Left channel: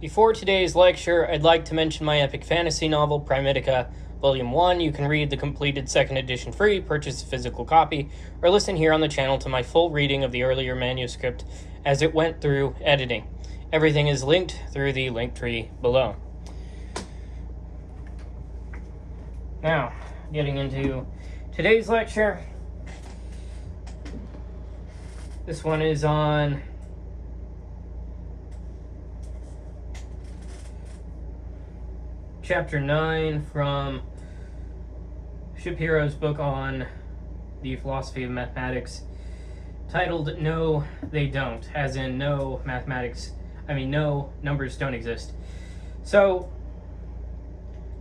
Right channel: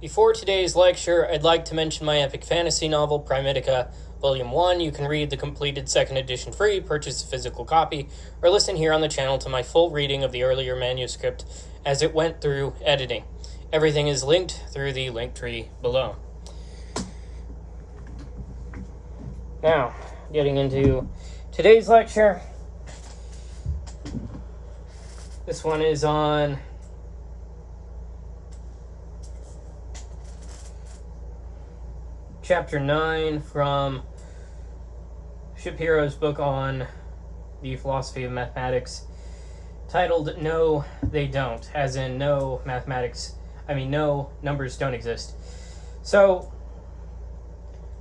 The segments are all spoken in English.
Before today's lecture, I'd like to mention my epic fantasy novel, Primitica, Volume 1. You can read the completed second edition free, purchase a physical copy, or listen here on the channel to my full reading of the earlier manuscript as it went through editing. Everything is linked through the link tree below. Now, getting into today's lecture. This one is on Chapter 9 from Shapiro's book on the philosophy of mathematics, titled No, They Don't, as in no numbers don't exist. So,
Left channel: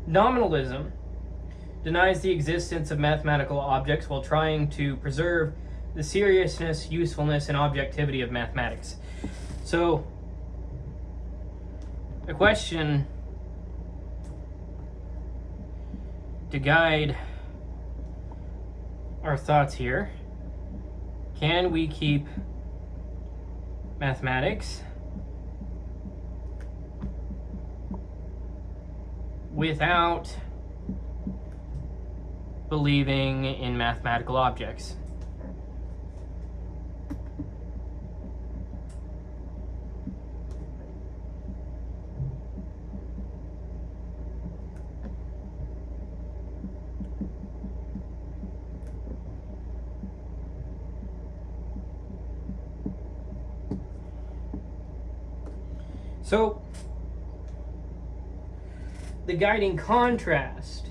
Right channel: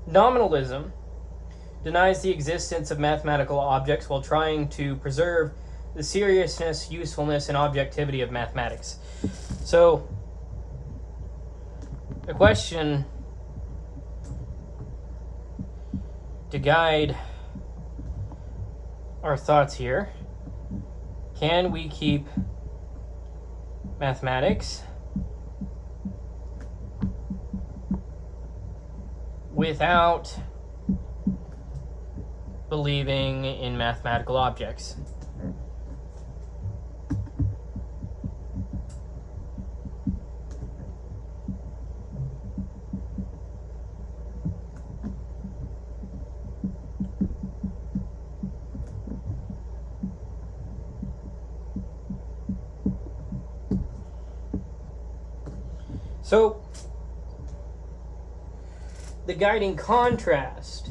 nominalism denies the existence of mathematical objects while trying to preserve the seriousness, usefulness, and objectivity of mathematics. So, the question to guide our thoughts here: can we keep mathematics without believing in mathematical objects? So, the guiding contrast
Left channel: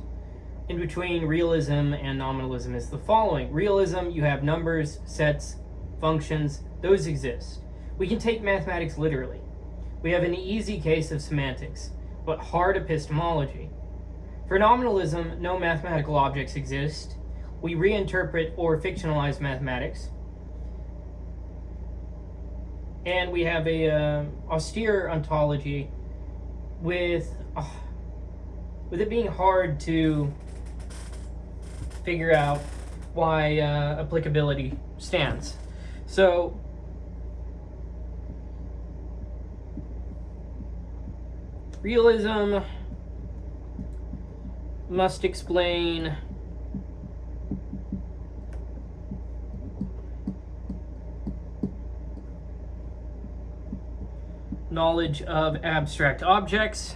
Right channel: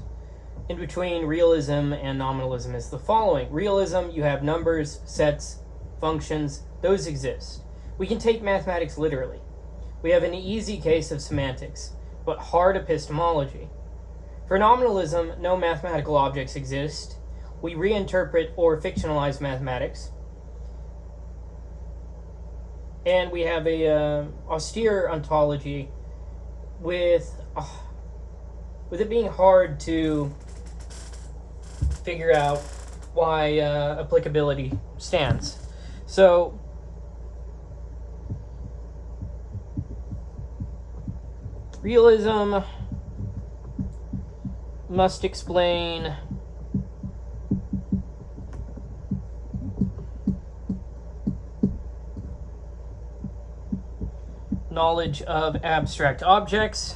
in between realism and nominalism is the following. Realism, you have numbers, sets, functions, those exist. We can take mathematics literally. We have an easy case of semantics, but hard epistemology. For nominalism, no mathematical objects exist. We reinterpret or fictionalize mathematics. And we have a austere ontology with it being hard to figure out why applicability stands. So, realism must explain knowledge of abstract objects.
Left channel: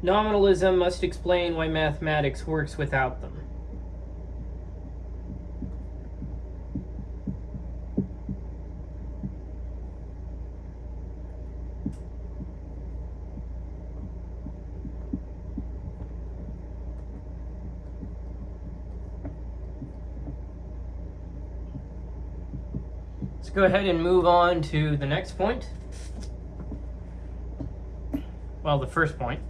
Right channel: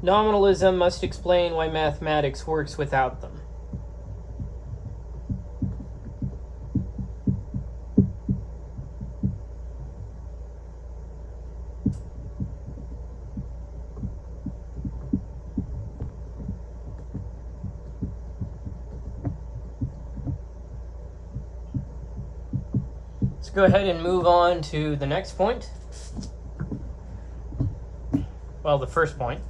Nominalism must explain why mathematics works without them. Let's go ahead and move on to the next point. Well, the first point.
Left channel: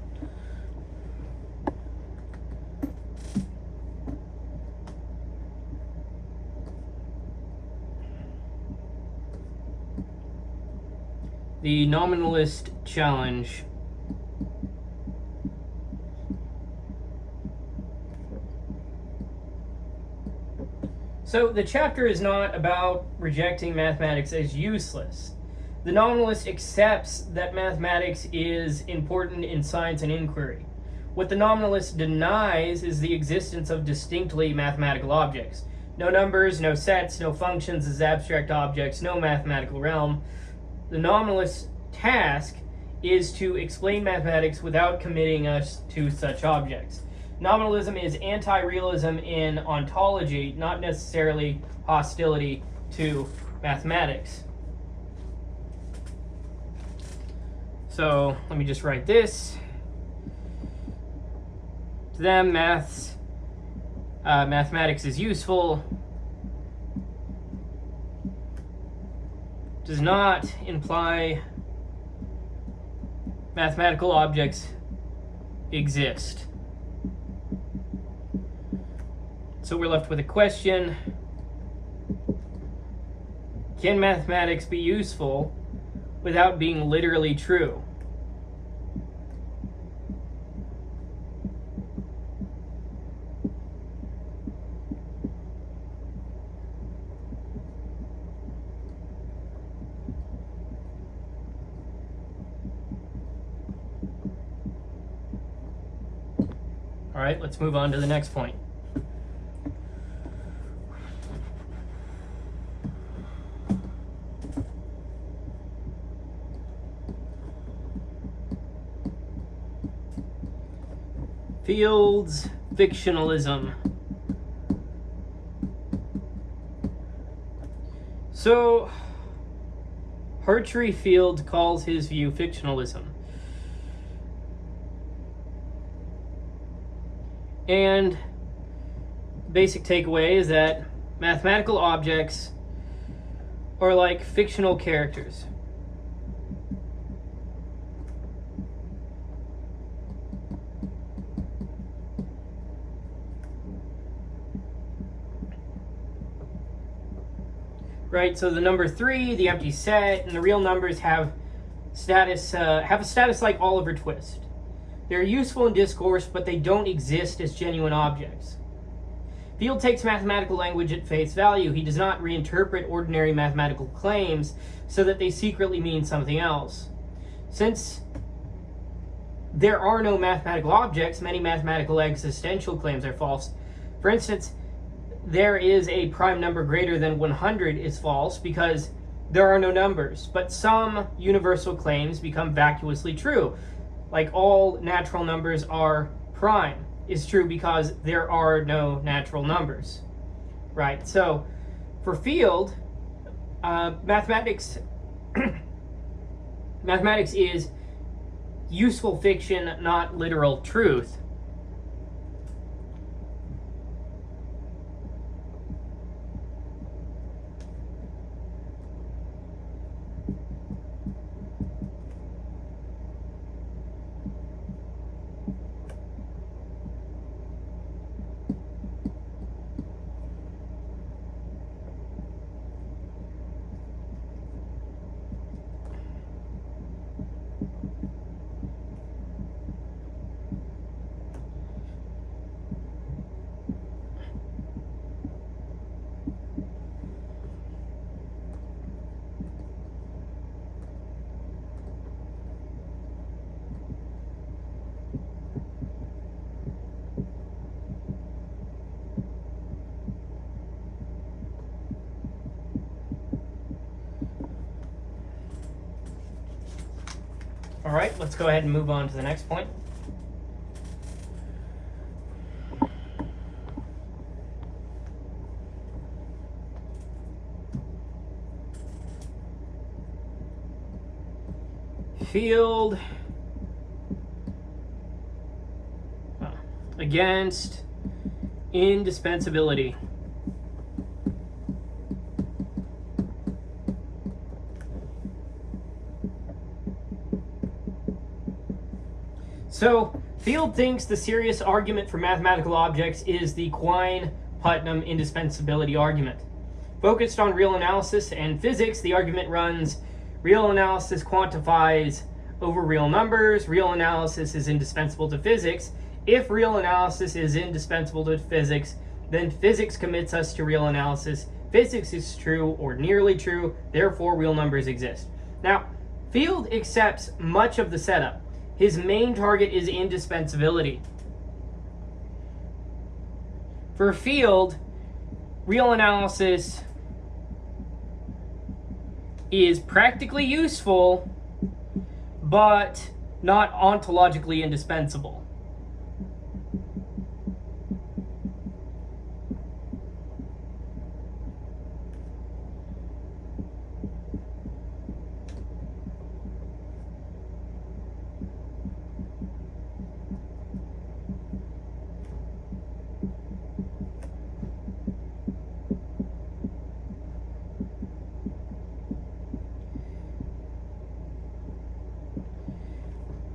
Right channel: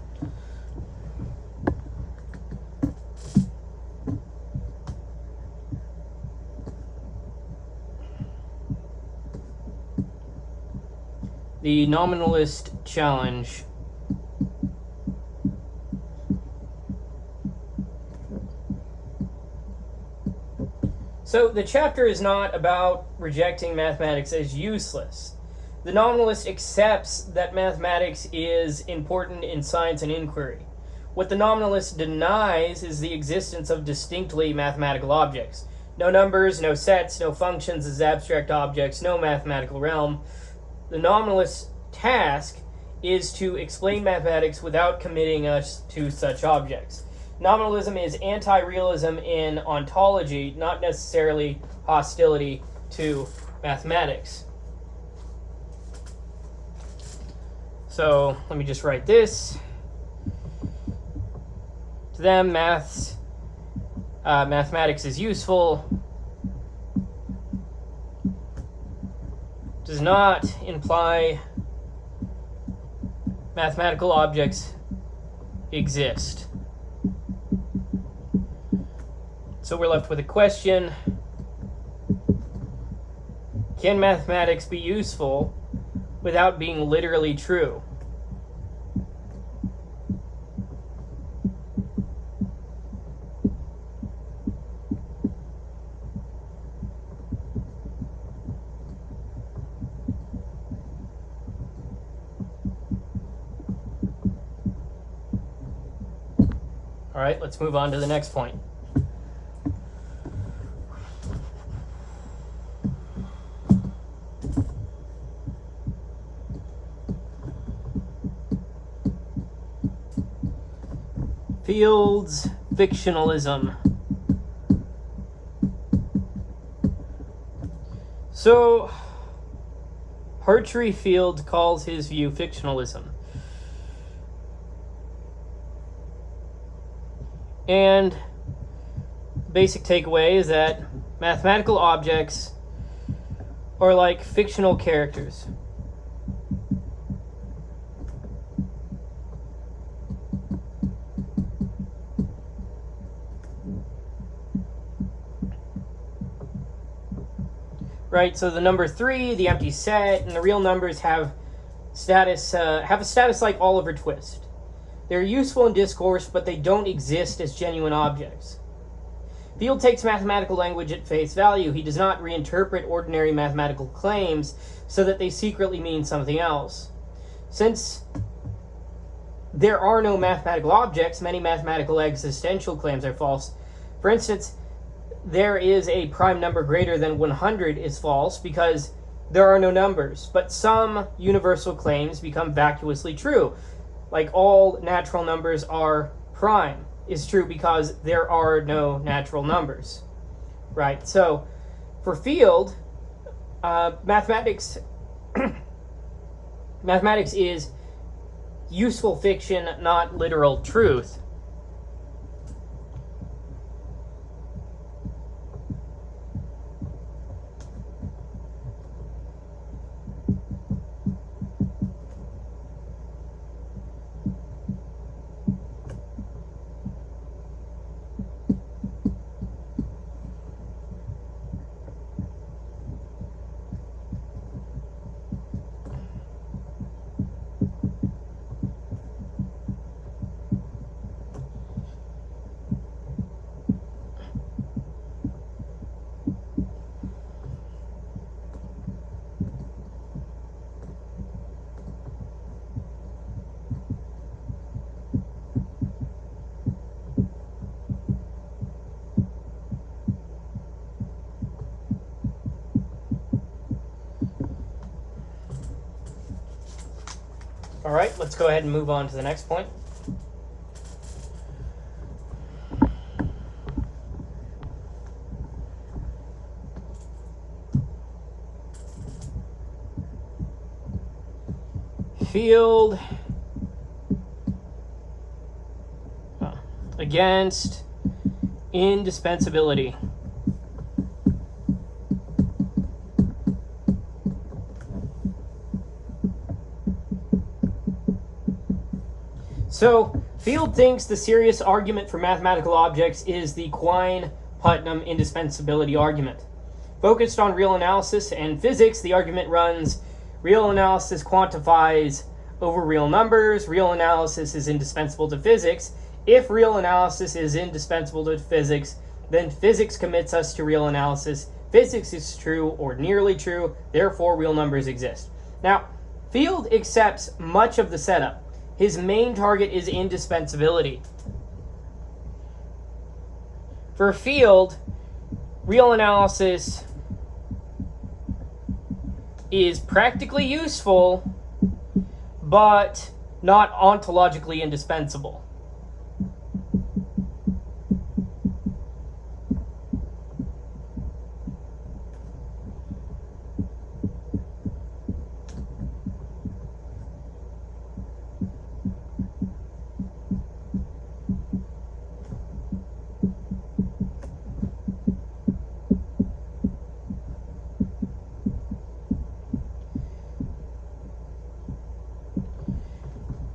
The nominalist challenge. So the chapter is not about rejecting mathematics as useless. The nominalist accepts that mathematics is important in science and inquiry. What the nominalist denies is the existence of distinctly mathematical objects. No numbers, no sets, no functions as abstract objects, no mathematical realm. The nominalist's task is to explain mathematics without committing us to such objects. Nominalism is anti-realism in ontology, not necessarily hostility to mathematics. So let me just write this. To them, mathematics is useful. Does not imply mathematical objects exist. So we're left with a question: can mathematics be useful without being literally true? All right, let's move on to the next point. Field's fictionalism. So, Hartree Field calls his view fictionalism. And basic takeaway is that mathematical objects are like fictional characters. Right, so the number 3, the empty set, and the real numbers have status. Have a status like Oliver Twist. They're useful in discourse, but they don't exist as genuine objects. Field takes mathematical language at face value. He does not reinterpret ordinary mathematical claims so that they secretly mean something else. Since there are no mathematical objects, many mathematical existential claims are false. For instance, there is a prime number greater than 100 is false because there are no numbers, but some universal claims become vacuously true. Like all natural numbers are prime is true because there are no natural numbers, right? So for Field, mathematics is useful fiction, not literal truth. All right, let's go ahead and move on to the next point. Field against indispensability. So, Field thinks the serious argument for mathematical objects is the Quine-Putnam indispensability argument. Focused on real analysis and physics, the argument runs, real analysis quantifies over real numbers, real analysis is indispensable to physics. If real analysis is indispensable to physics, then physics commits us to real analysis. Physics is true or nearly true, therefore real numbers exist. Now, Field accepts much of the setup. His main target is indispensability. For Field, real analysis is practically useful, but not ontologically indispensable.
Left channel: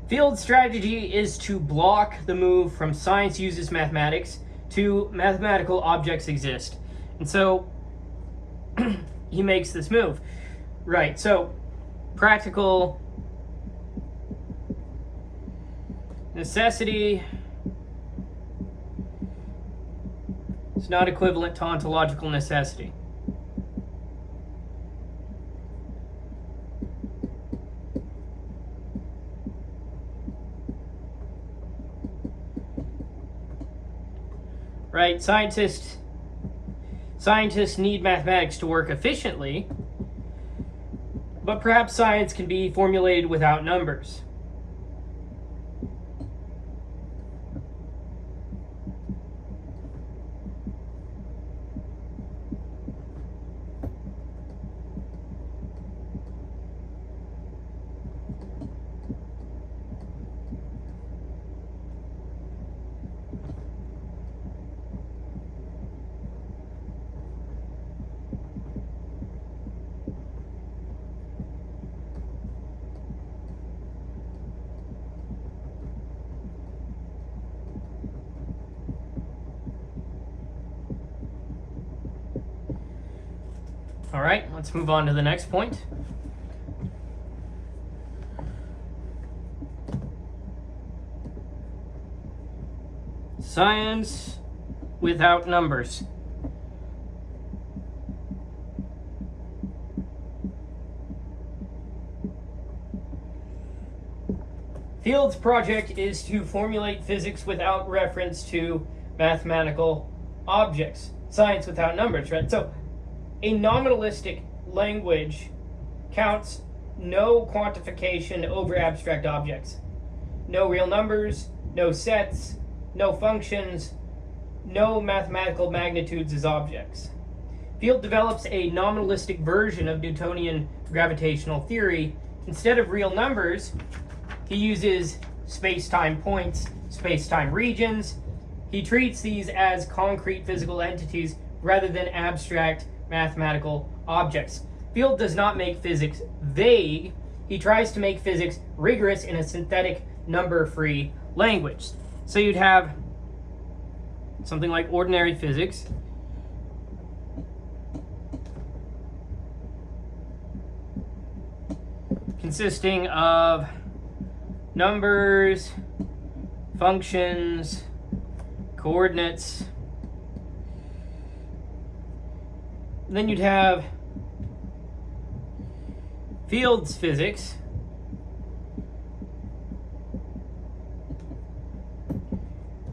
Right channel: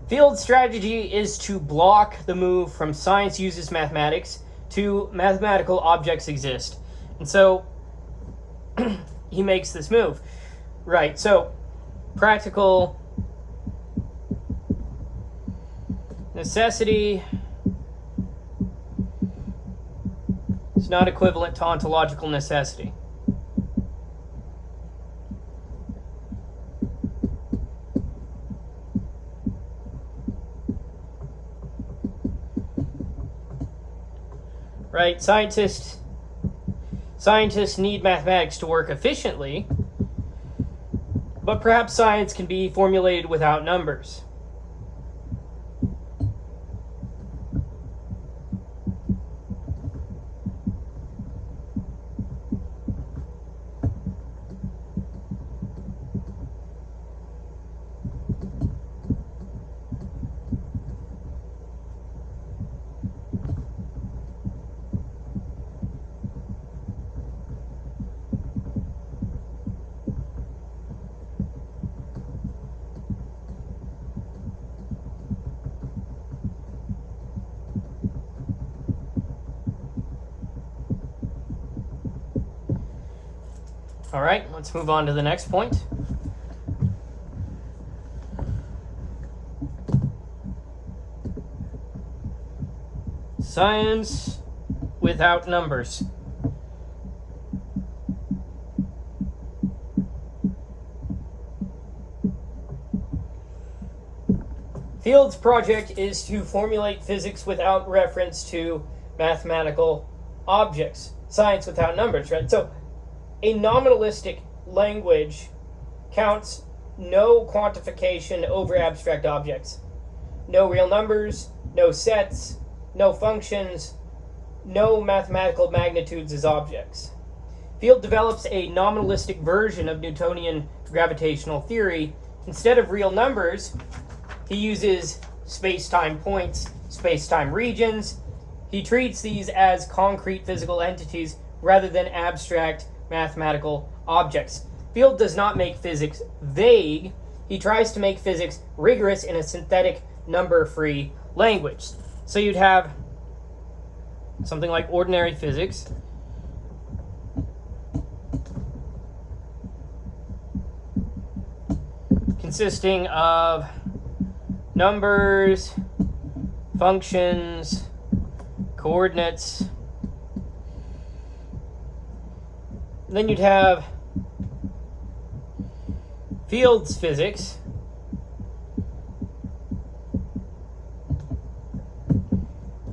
Field's strategy is to block the move from science uses mathematics to mathematical objects exist. And so he makes this move. Right, so practical necessity is not equivalent to ontological necessity. right? Scientists need mathematics to work efficiently, but perhaps science can be formulated without numbers. All right, let's move on to the next point. Science without numbers. Field's project is to formulate physics without reference to mathematical objects. Science without numbers, right? So a nominalistic language counts no quantification over abstract objects. No real numbers, no sets, no functions, no mathematical magnitudes as objects. Field develops a nominalistic version of Newtonian gravitational theory. Instead of real numbers, he uses space-time points, space-time regions. He treats these as concrete physical entities rather than abstract mathematical objects. Field does not make physics vague. He tries to make physics rigorous in a synthetic, number-free language. So you'd have something like ordinary physics, consisting of numbers, functions, coordinates. And then you'd have Field's physics,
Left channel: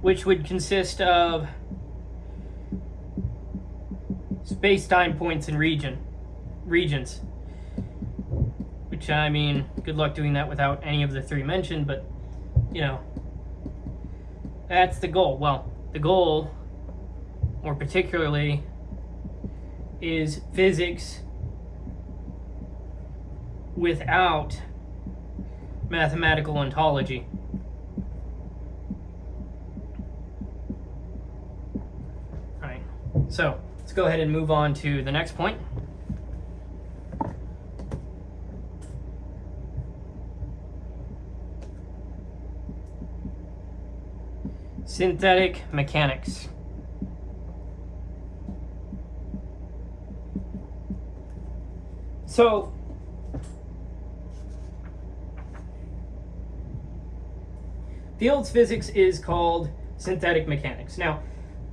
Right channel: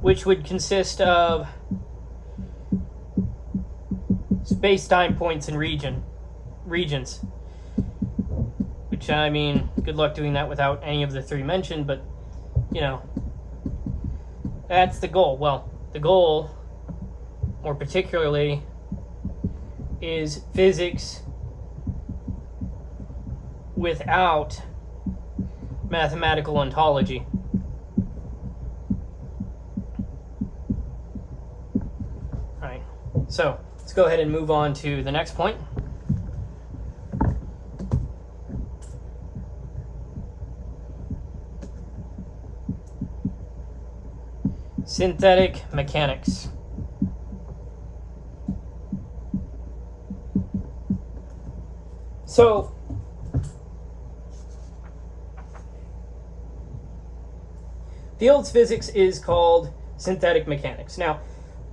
which would consist of space-time points and regions. Which, I mean, good luck doing that without any of the three mentioned, but, you know, that's the goal. Well, the goal, more particularly, is physics without mathematical ontology. All right, so let's go ahead and move on to the next point. Synthetic mechanics. So, Field's physics is called synthetic mechanics. Now,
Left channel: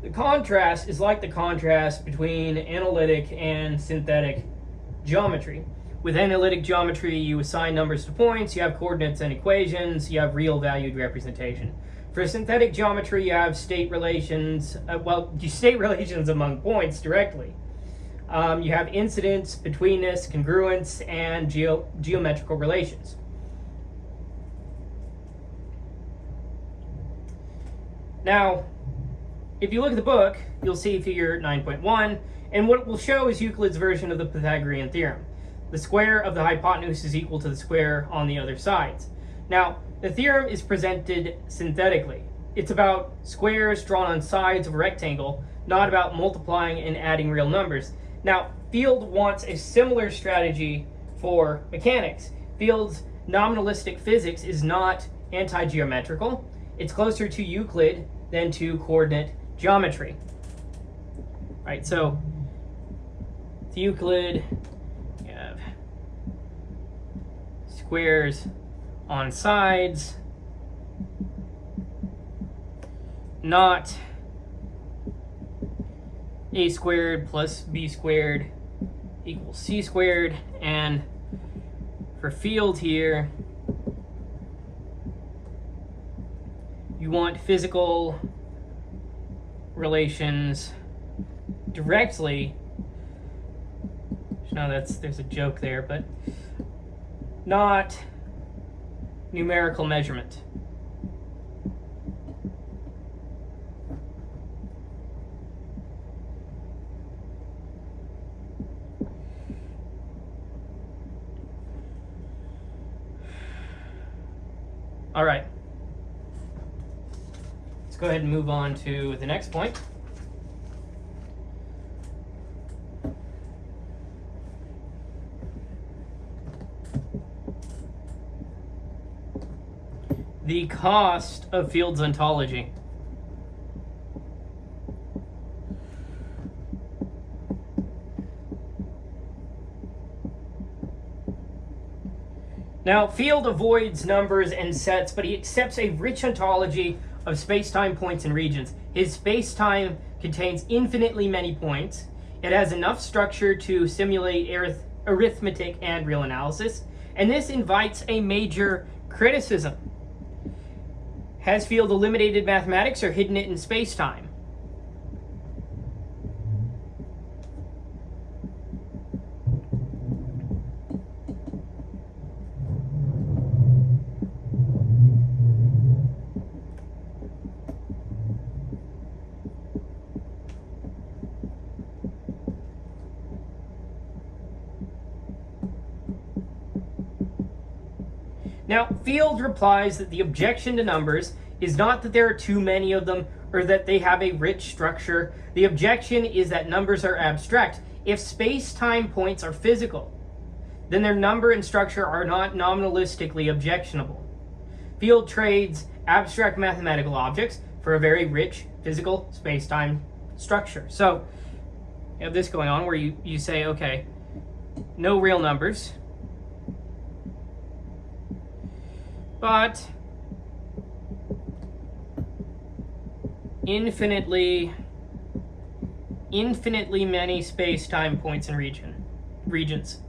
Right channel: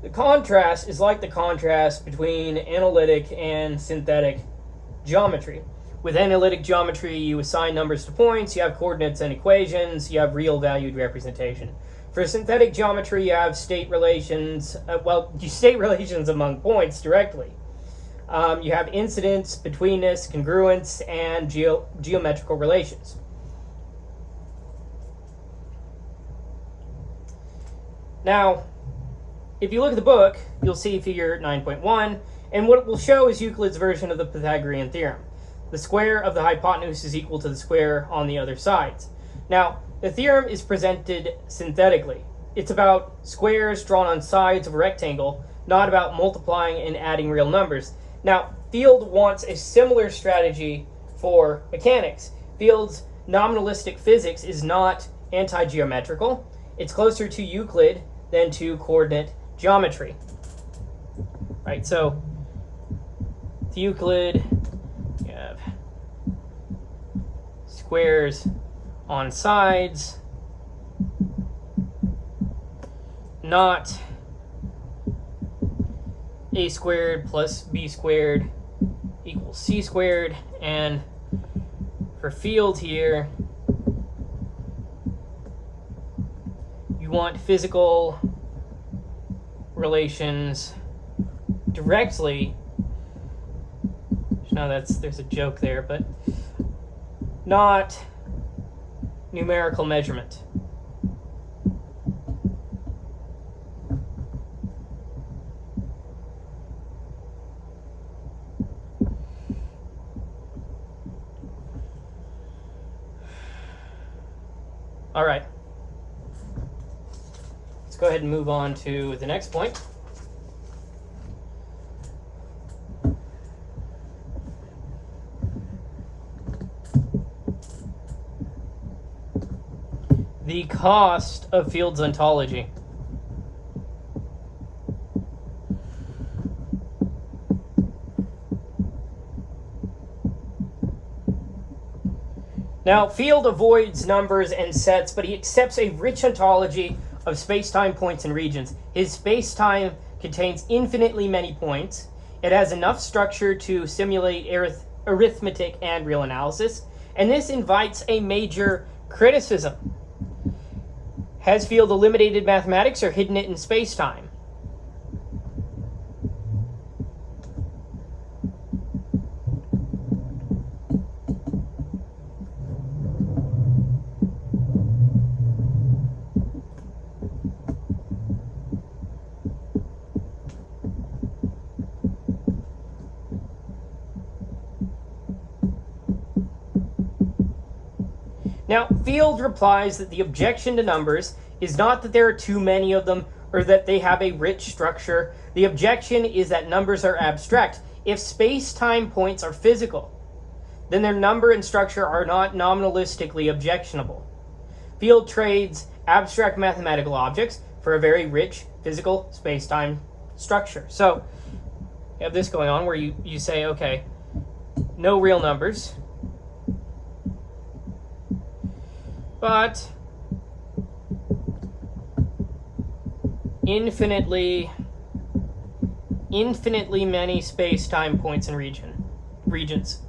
the contrast is like the contrast between analytic and synthetic geometry. With analytic geometry, you assign numbers to points, you have coordinates and equations, you have real valued representation. For synthetic geometry, you have state relations, state relations among points directly. You have incidence, betweenness, congruence, and geometrical relations. Now, if you look at the book, you'll see figure 9.1, and what it will show is Euclid's version of the Pythagorean theorem. The square of the hypotenuse is equal to the square on the other sides. Now, the theorem is presented synthetically. It's about squares drawn on sides of a rectangle, not about multiplying and adding real numbers. Now, Field wants a similar strategy for mechanics. Field's nominalistic physics is not anti-geometrical. It's closer to Euclid than to coordinate geometry. Right, so with Euclid, you have squares on sides, not a squared plus b squared equals c squared. And for Field here, you want physical relations directly. Now there's a joke there, but not numerical measurement. All right. Let's go ahead and move on to the next point. The cost of Field's ontology. Now, Field avoids numbers and sets, but he accepts a rich ontology of spacetime points and regions. His spacetime contains infinitely many points. It has enough structure to simulate arithmetic and real analysis, and this invites a major criticism. Has Field eliminated mathematics or hidden it in spacetime? Now, Field replies that the objection to numbers is not that there are too many of them or that they have a rich structure. The objection is that numbers are abstract. If space-time points are physical, then their number and structure are not nominalistically objectionable. Field trades abstract mathematical objects for a very rich physical space-time structure. So you have this going on where you say, okay, no real numbers, but infinitely many space-time points and regions.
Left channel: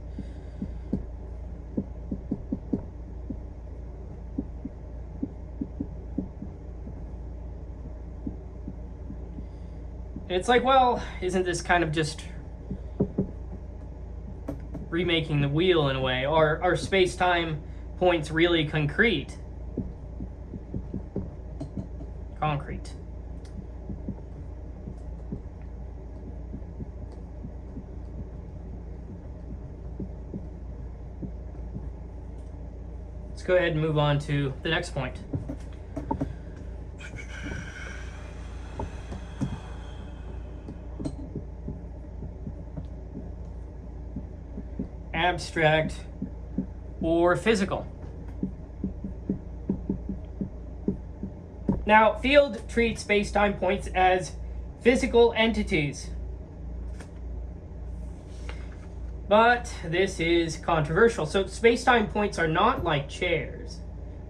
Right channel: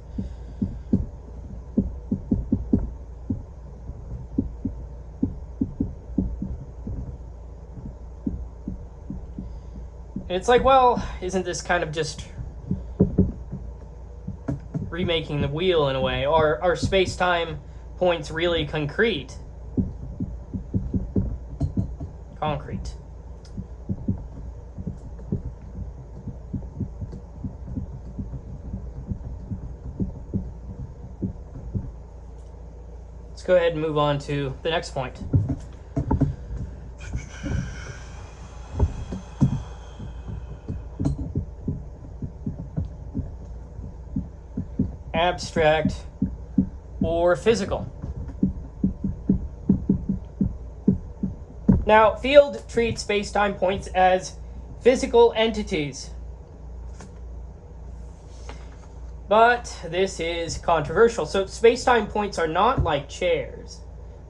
And it's like, well, isn't this kind of just remaking the wheel in a way? Are space-time points really concrete? Concrete. Let's go ahead and move on to the next point. Abstract or physical. Now, Field treats space-time points as physical entities. But this is controversial. So space-time points are not like chairs,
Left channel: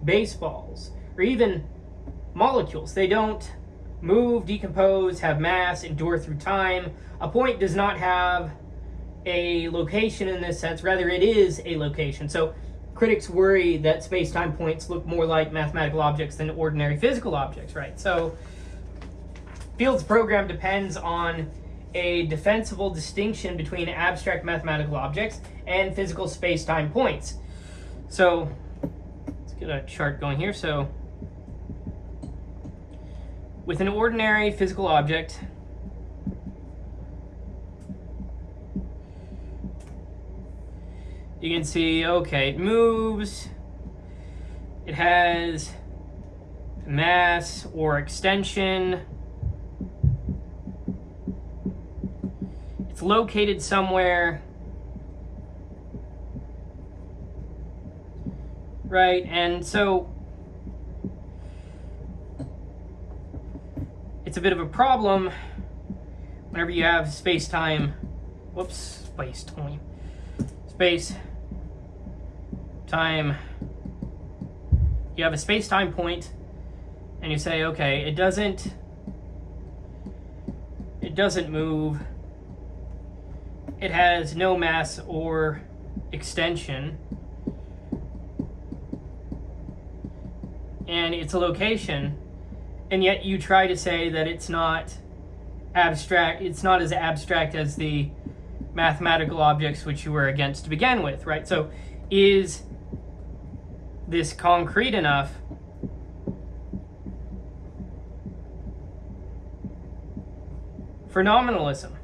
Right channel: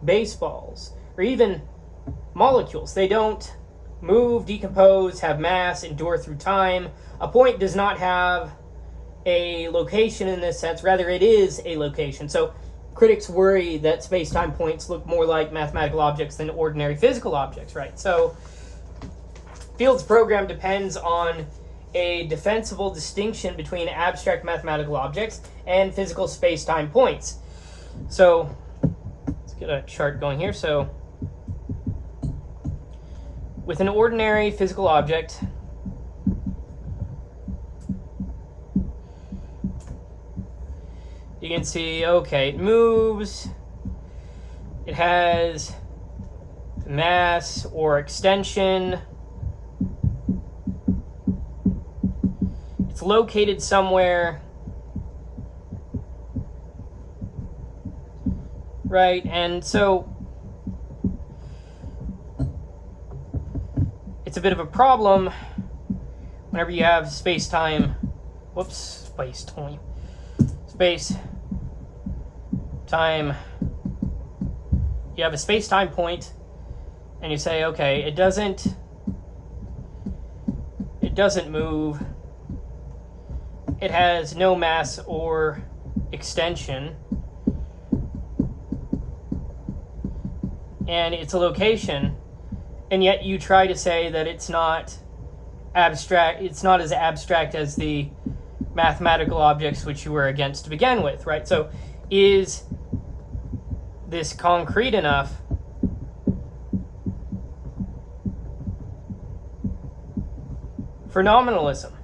baseballs, or even molecules. They don't move, decompose, have mass, endure through time. A point does not have a location in this sense. Rather, it is a location. So critics worry that space-time points look more like mathematical objects than ordinary physical objects, right? So Field's program depends on a defensible distinction between abstract mathematical objects and physical space-time points. So let's get a chart going here. So with an ordinary physical object, you can see, okay, it moves, it has mass or extension, it's located somewhere, right? And so it's a bit of a problem whenever you have space-time, space-time, you have a space-time point and you say, okay, it doesn't move, it has no mass or extension, and it's a location, and yet you try to say that it's not abstract. It's not as abstract as the mathematical objects which you were against to begin with, right? So is this concrete enough for nominalism?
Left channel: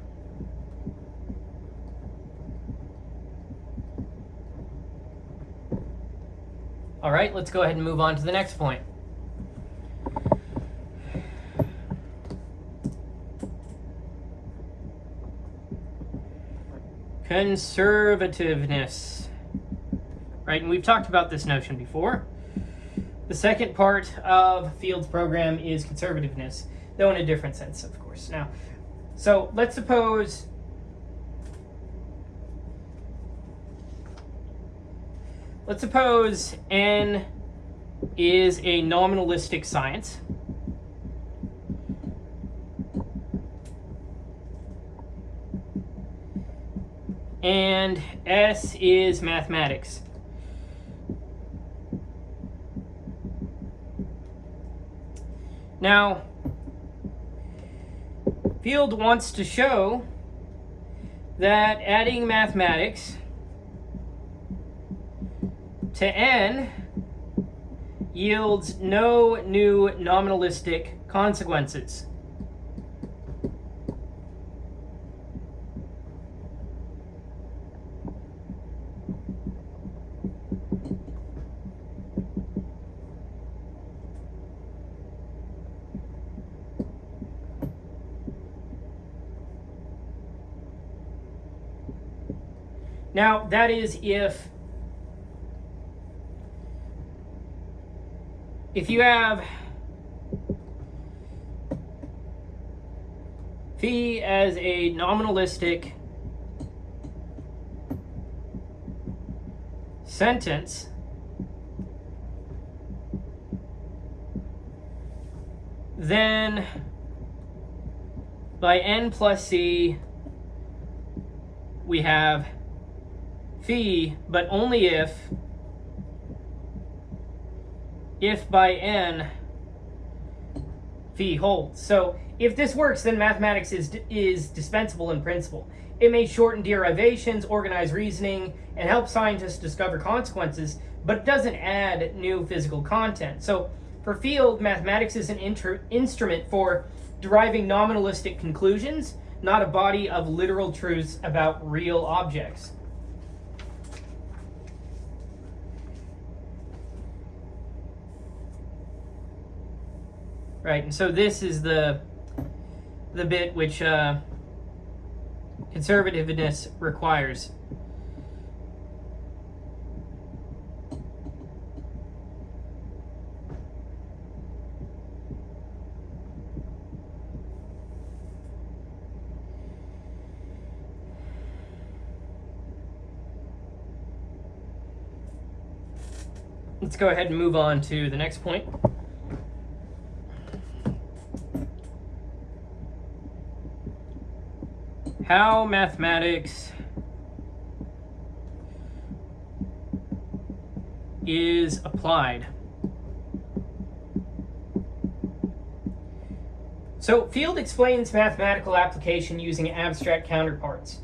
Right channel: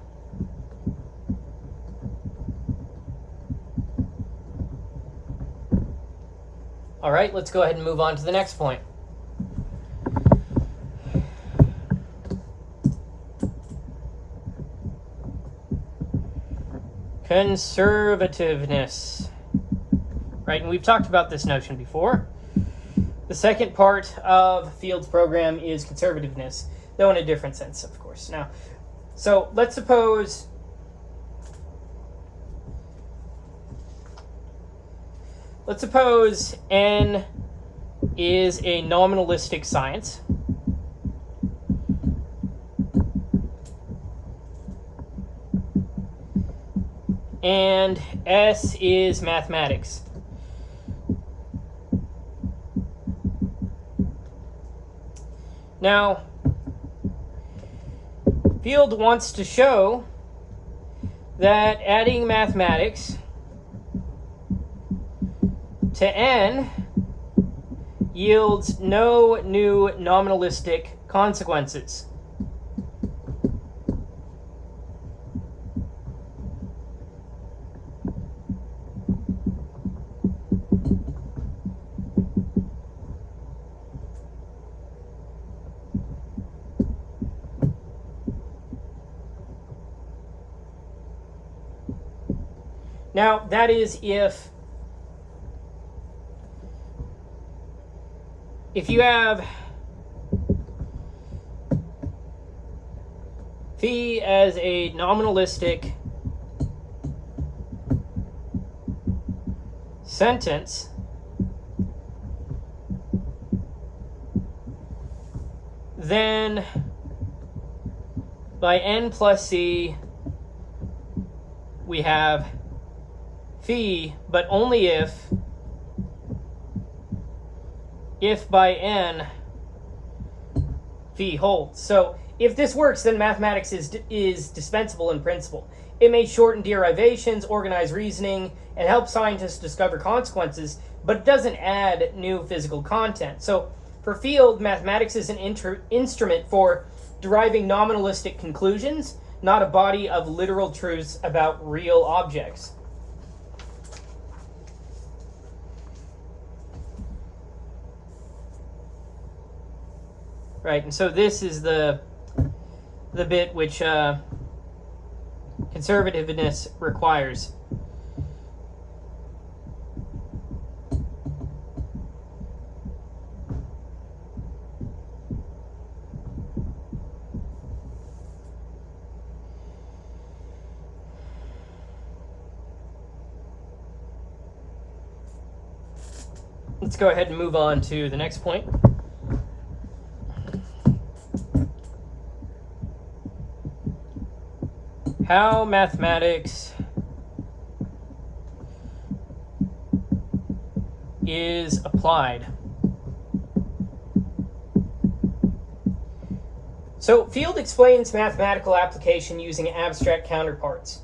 All right, let's go ahead and move on to the next point. Conservativeness. Right, and we've talked about this notion before. The second part of Field's program is conservativeness, though in a different sense, of course. Now, so let's suppose N is a nominalistic science. And S is mathematics. Now, Field wants to show that adding mathematics to N yields no new nominalistic consequences. Now, that is if you have phi as a nominalistic sentence, then by n plus c we have phi, but only if by n phi holds. So if this works, then mathematics is dispensable in principle. It may shorten derivations, organize reasoning, and help scientists discover consequences, but it doesn't add new physical content. So for Field, mathematics is an instrument for deriving nominalistic conclusions, not a body of literal truths about real objects. Right, and so this is the bit which conservativeness requires. Let's go ahead and move on to the next point. How mathematics is applied. So Field explains mathematical application using abstract counterparts.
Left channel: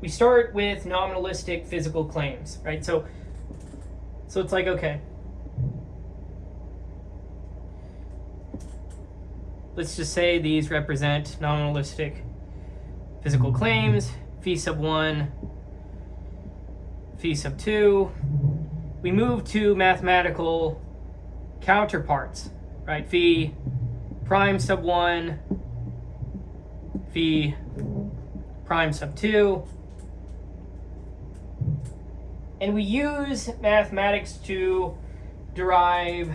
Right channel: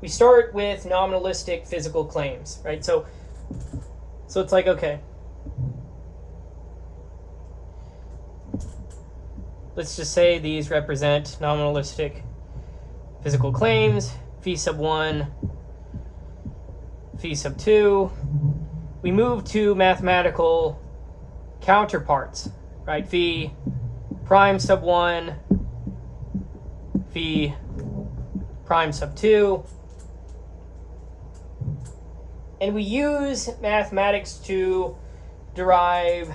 We start with nominalistic physical claims, right? So it's like, okay, let's just say these represent nominalistic physical claims, phi sub 1, phi sub 2. We move to mathematical counterparts, right? Phi prime sub 1, phi prime sub 2. And we use mathematics to derive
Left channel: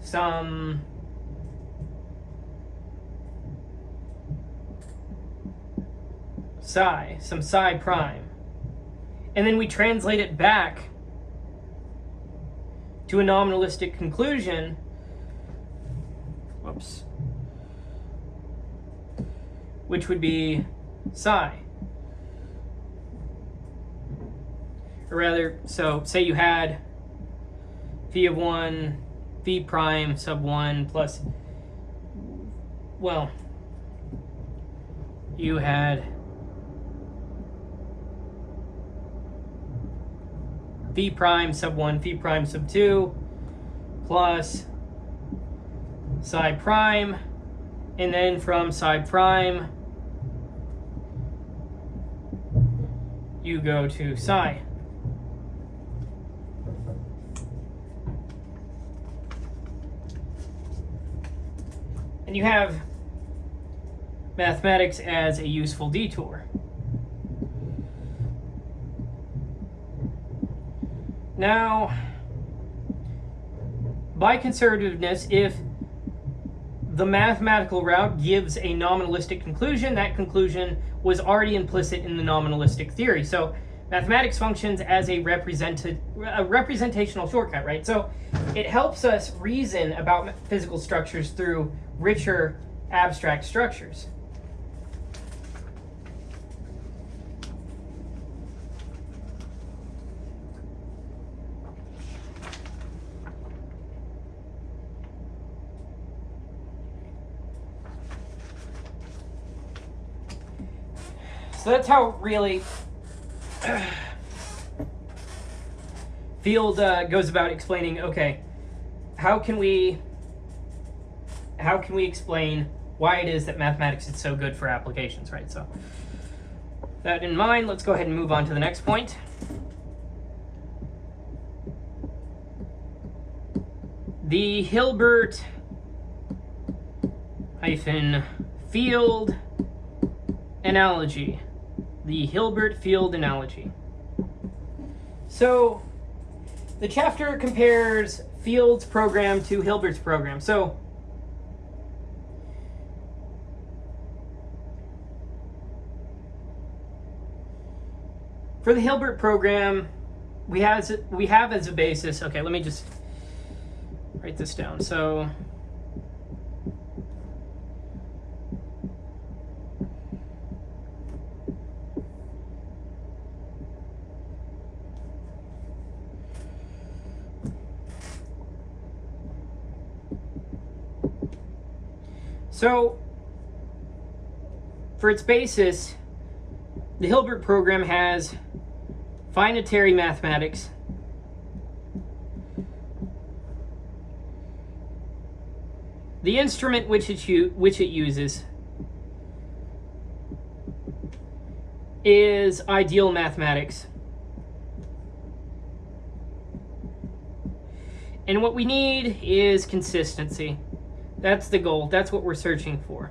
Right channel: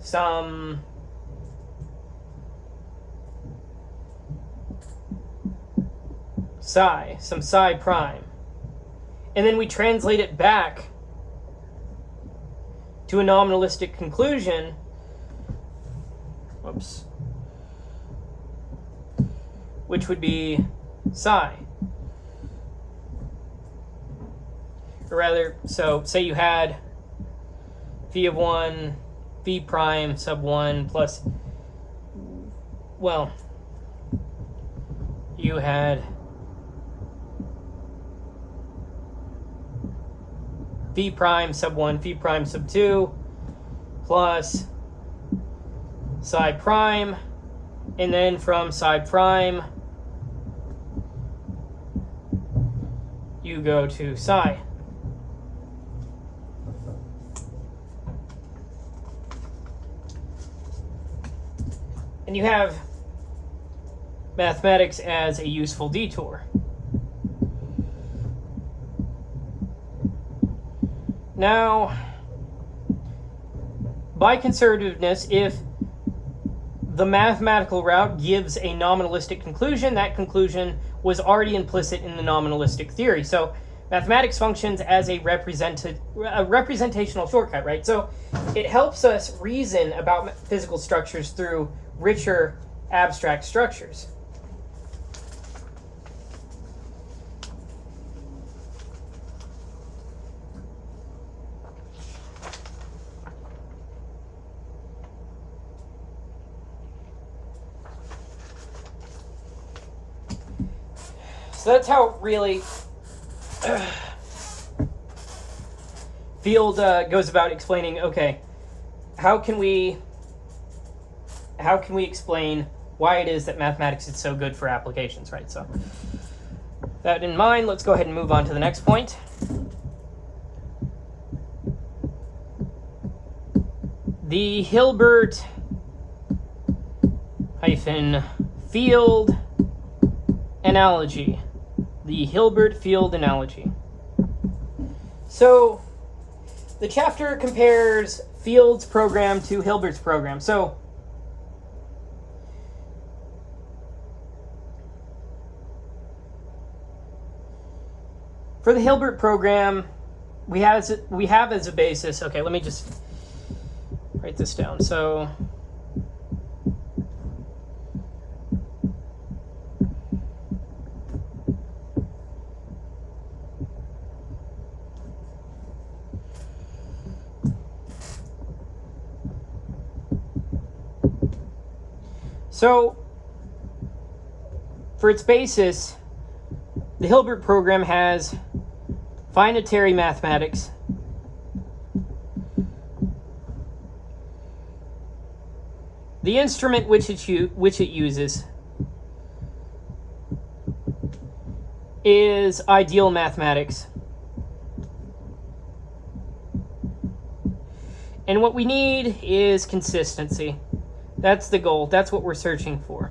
some psi prime. And then we translate it back to a nominalistic conclusion. Whoops. Which would be psi. Or rather, so say you had phi of 1, phi prime sub 1 plus, well, you had phi prime sub 1, phi prime sub 2, plus psi prime, and then from psi prime, you go to psi. And you have mathematics as a useful detour. Now, by conservativeness, if the mathematical route gives a nominalistic conclusion, that conclusion was already implicit in the nominalistic theory. So mathematics functions as a representational shortcut, right? So it helps us reason about physical structures through richer abstract structures. So that's how really Field goes about explaining, okay, how can we explain why it is that mathematics is so good for applications, right? So that in mind, let's go ahead and move on to the next point. The Hilbert-Field analogy. The Hilbert-Field analogy. So the chapter compares Field's program to Hilbert's program. So for the Hilbert program, we have as a basis, okay, let me just write this down. So for its basis, the Hilbert program has finitary mathematics, the instrument which it uses is ideal mathematics. And what we need is consistency. That's the goal. That's what we're searching for.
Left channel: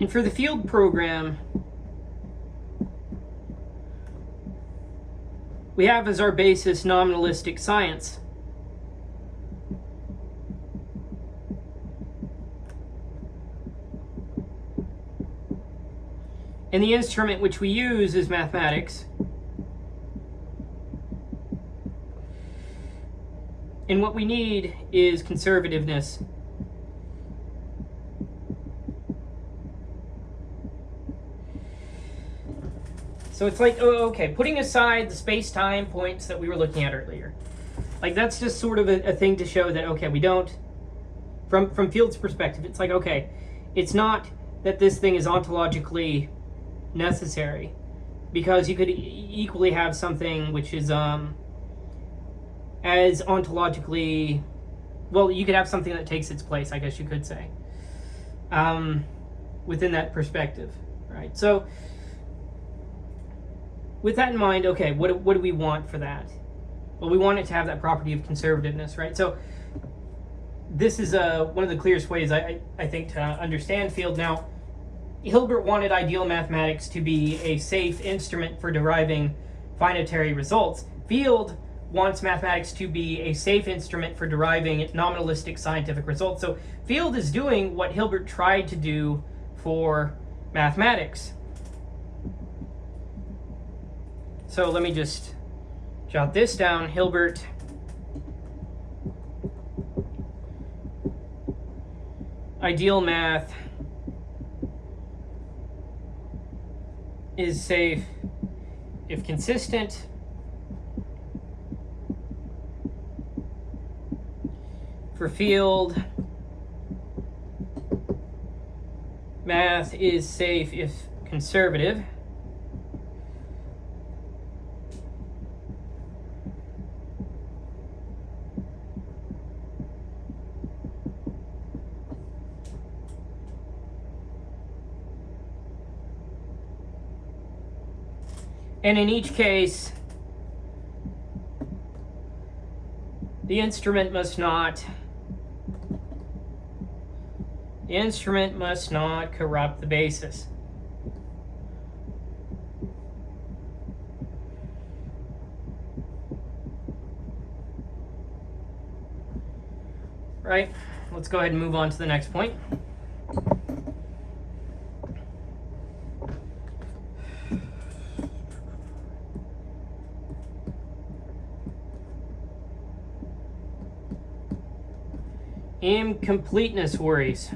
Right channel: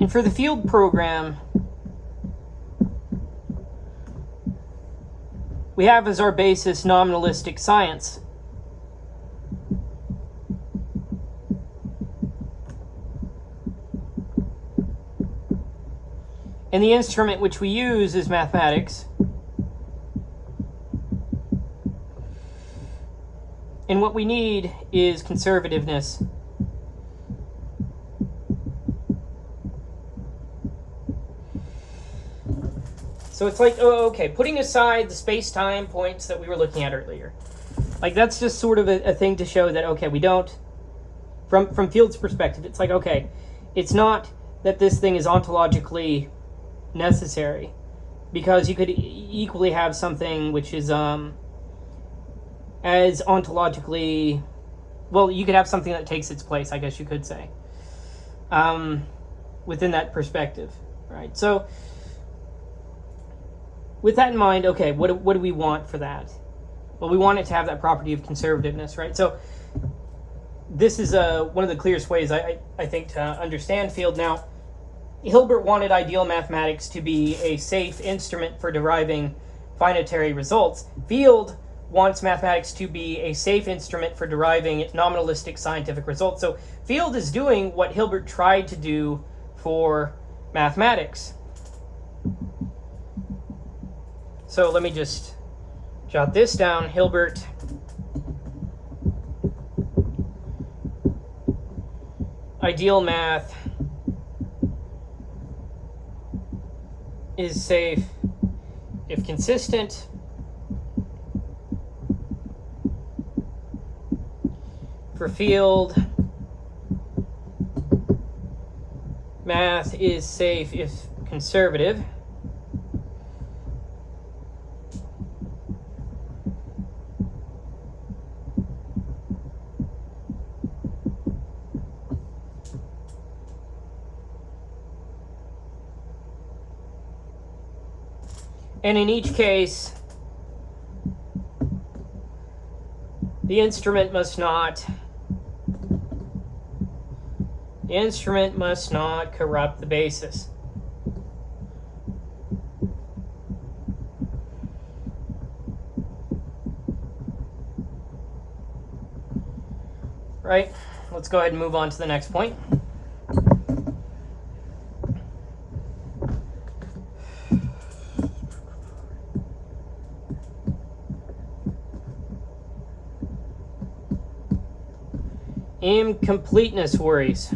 And for the Field program, we have as our basis nominalistic science. And the instrument which we use is mathematics. And what we need is conservativeness. So it's like, oh, okay, putting aside the space-time points that we were looking at earlier. Like, that's just sort of a thing to show that, okay, we don't, from Field's perspective, it's like, okay, it's not that this thing is ontologically necessary, because you could equally have something which is as ontologically, well, you could have something that takes its place, I guess you could say, within that perspective, right? So with that in mind, okay, what do we want for that? Well, we want it to have that property of conservativeness, right? So this is one of the clearest ways I think to understand Field. Now, Hilbert wanted ideal mathematics to be a safe instrument for deriving finitary results. Field wants mathematics to be a safe instrument for deriving nominalistic scientific results. So Field is doing what Hilbert tried to do for mathematics. So let me just jot this down. Hilbert ideal math is safe if consistent for field math is safe if conservative. And in each case, the instrument must not corrupt the basis. Right? Let's go ahead and move on to the next point. Incompleteness worries.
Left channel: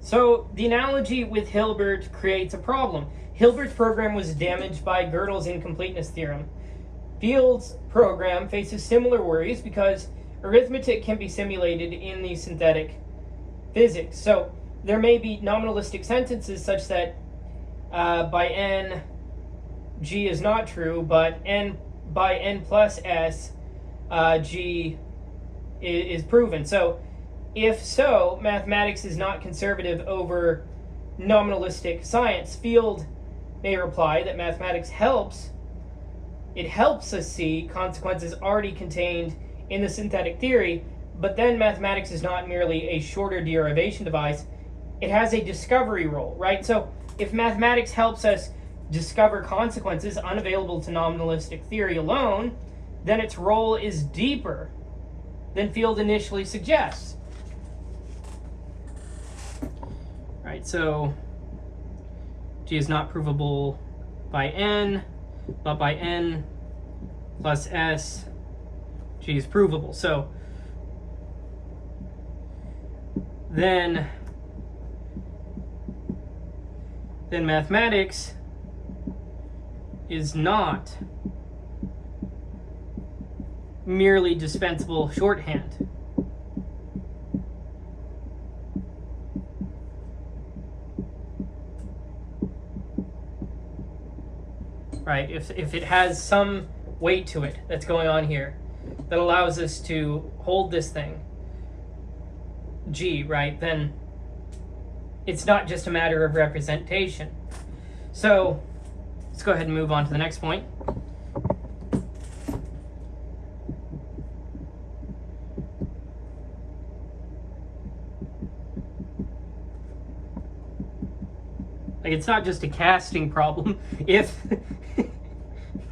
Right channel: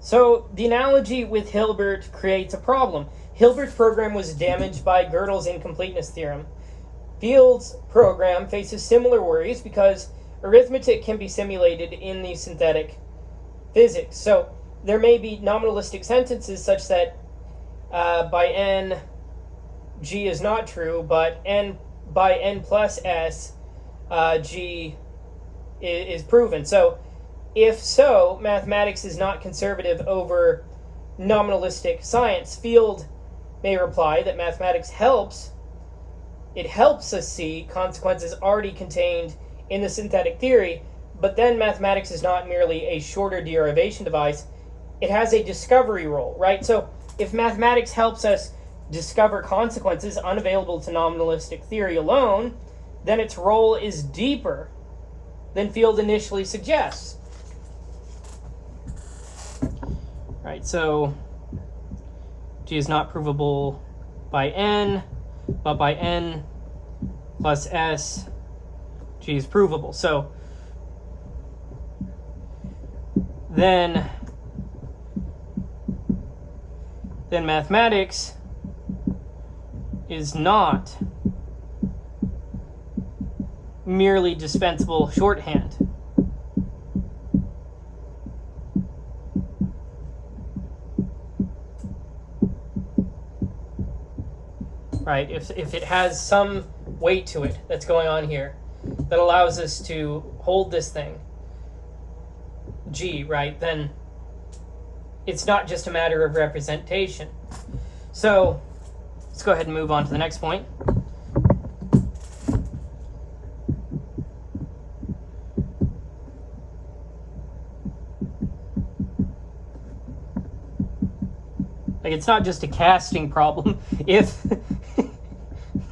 So the analogy with Hilbert creates a problem. Hilbert's program was damaged by Gödel's incompleteness theorem. Field's program faces similar worries because arithmetic can be simulated in the synthetic physics. So there may be nominalistic sentences such that by n, g is not true, but by n plus s, g is proven. So if so, mathematics is not conservative over nominalistic science. Field may reply that mathematics helps us see consequences already contained in the synthetic theory, but then mathematics is not merely a shorter derivation device, it has a discovery role, right? So if mathematics helps us discover consequences unavailable to nominalistic theory alone, then its role is deeper than Field initially suggests. Right, so G is not provable by n, but by n plus s, G is provable. So then mathematics is not merely dispensable shorthand. Right, if it has some weight to it that's going on here that allows us to hold this thing, G, right, then it's not just a matter of representation. So let's go ahead and move on to the next point. Like, it's not just a casting problem if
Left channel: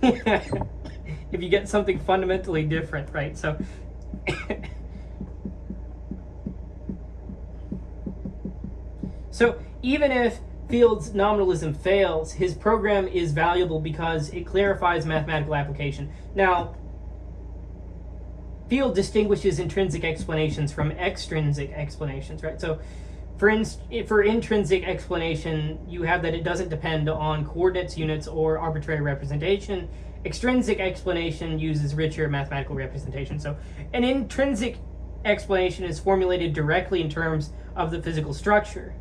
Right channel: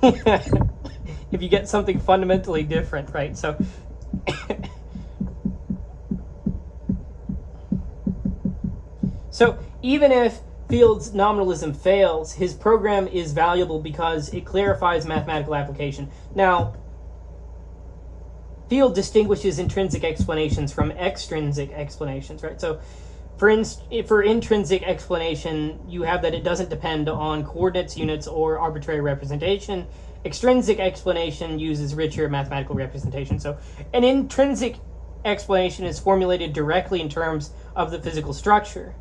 if you get something fundamentally different, right? So so even if Field's nominalism fails, his program is valuable because it clarifies mathematical application. Now, Field distinguishes intrinsic explanations from extrinsic explanations, right? So for intrinsic explanation, you have that it doesn't depend on coordinates, units, or arbitrary representation. Extrinsic explanation uses richer mathematical representation. So an intrinsic explanation is formulated directly in terms of the physical structure.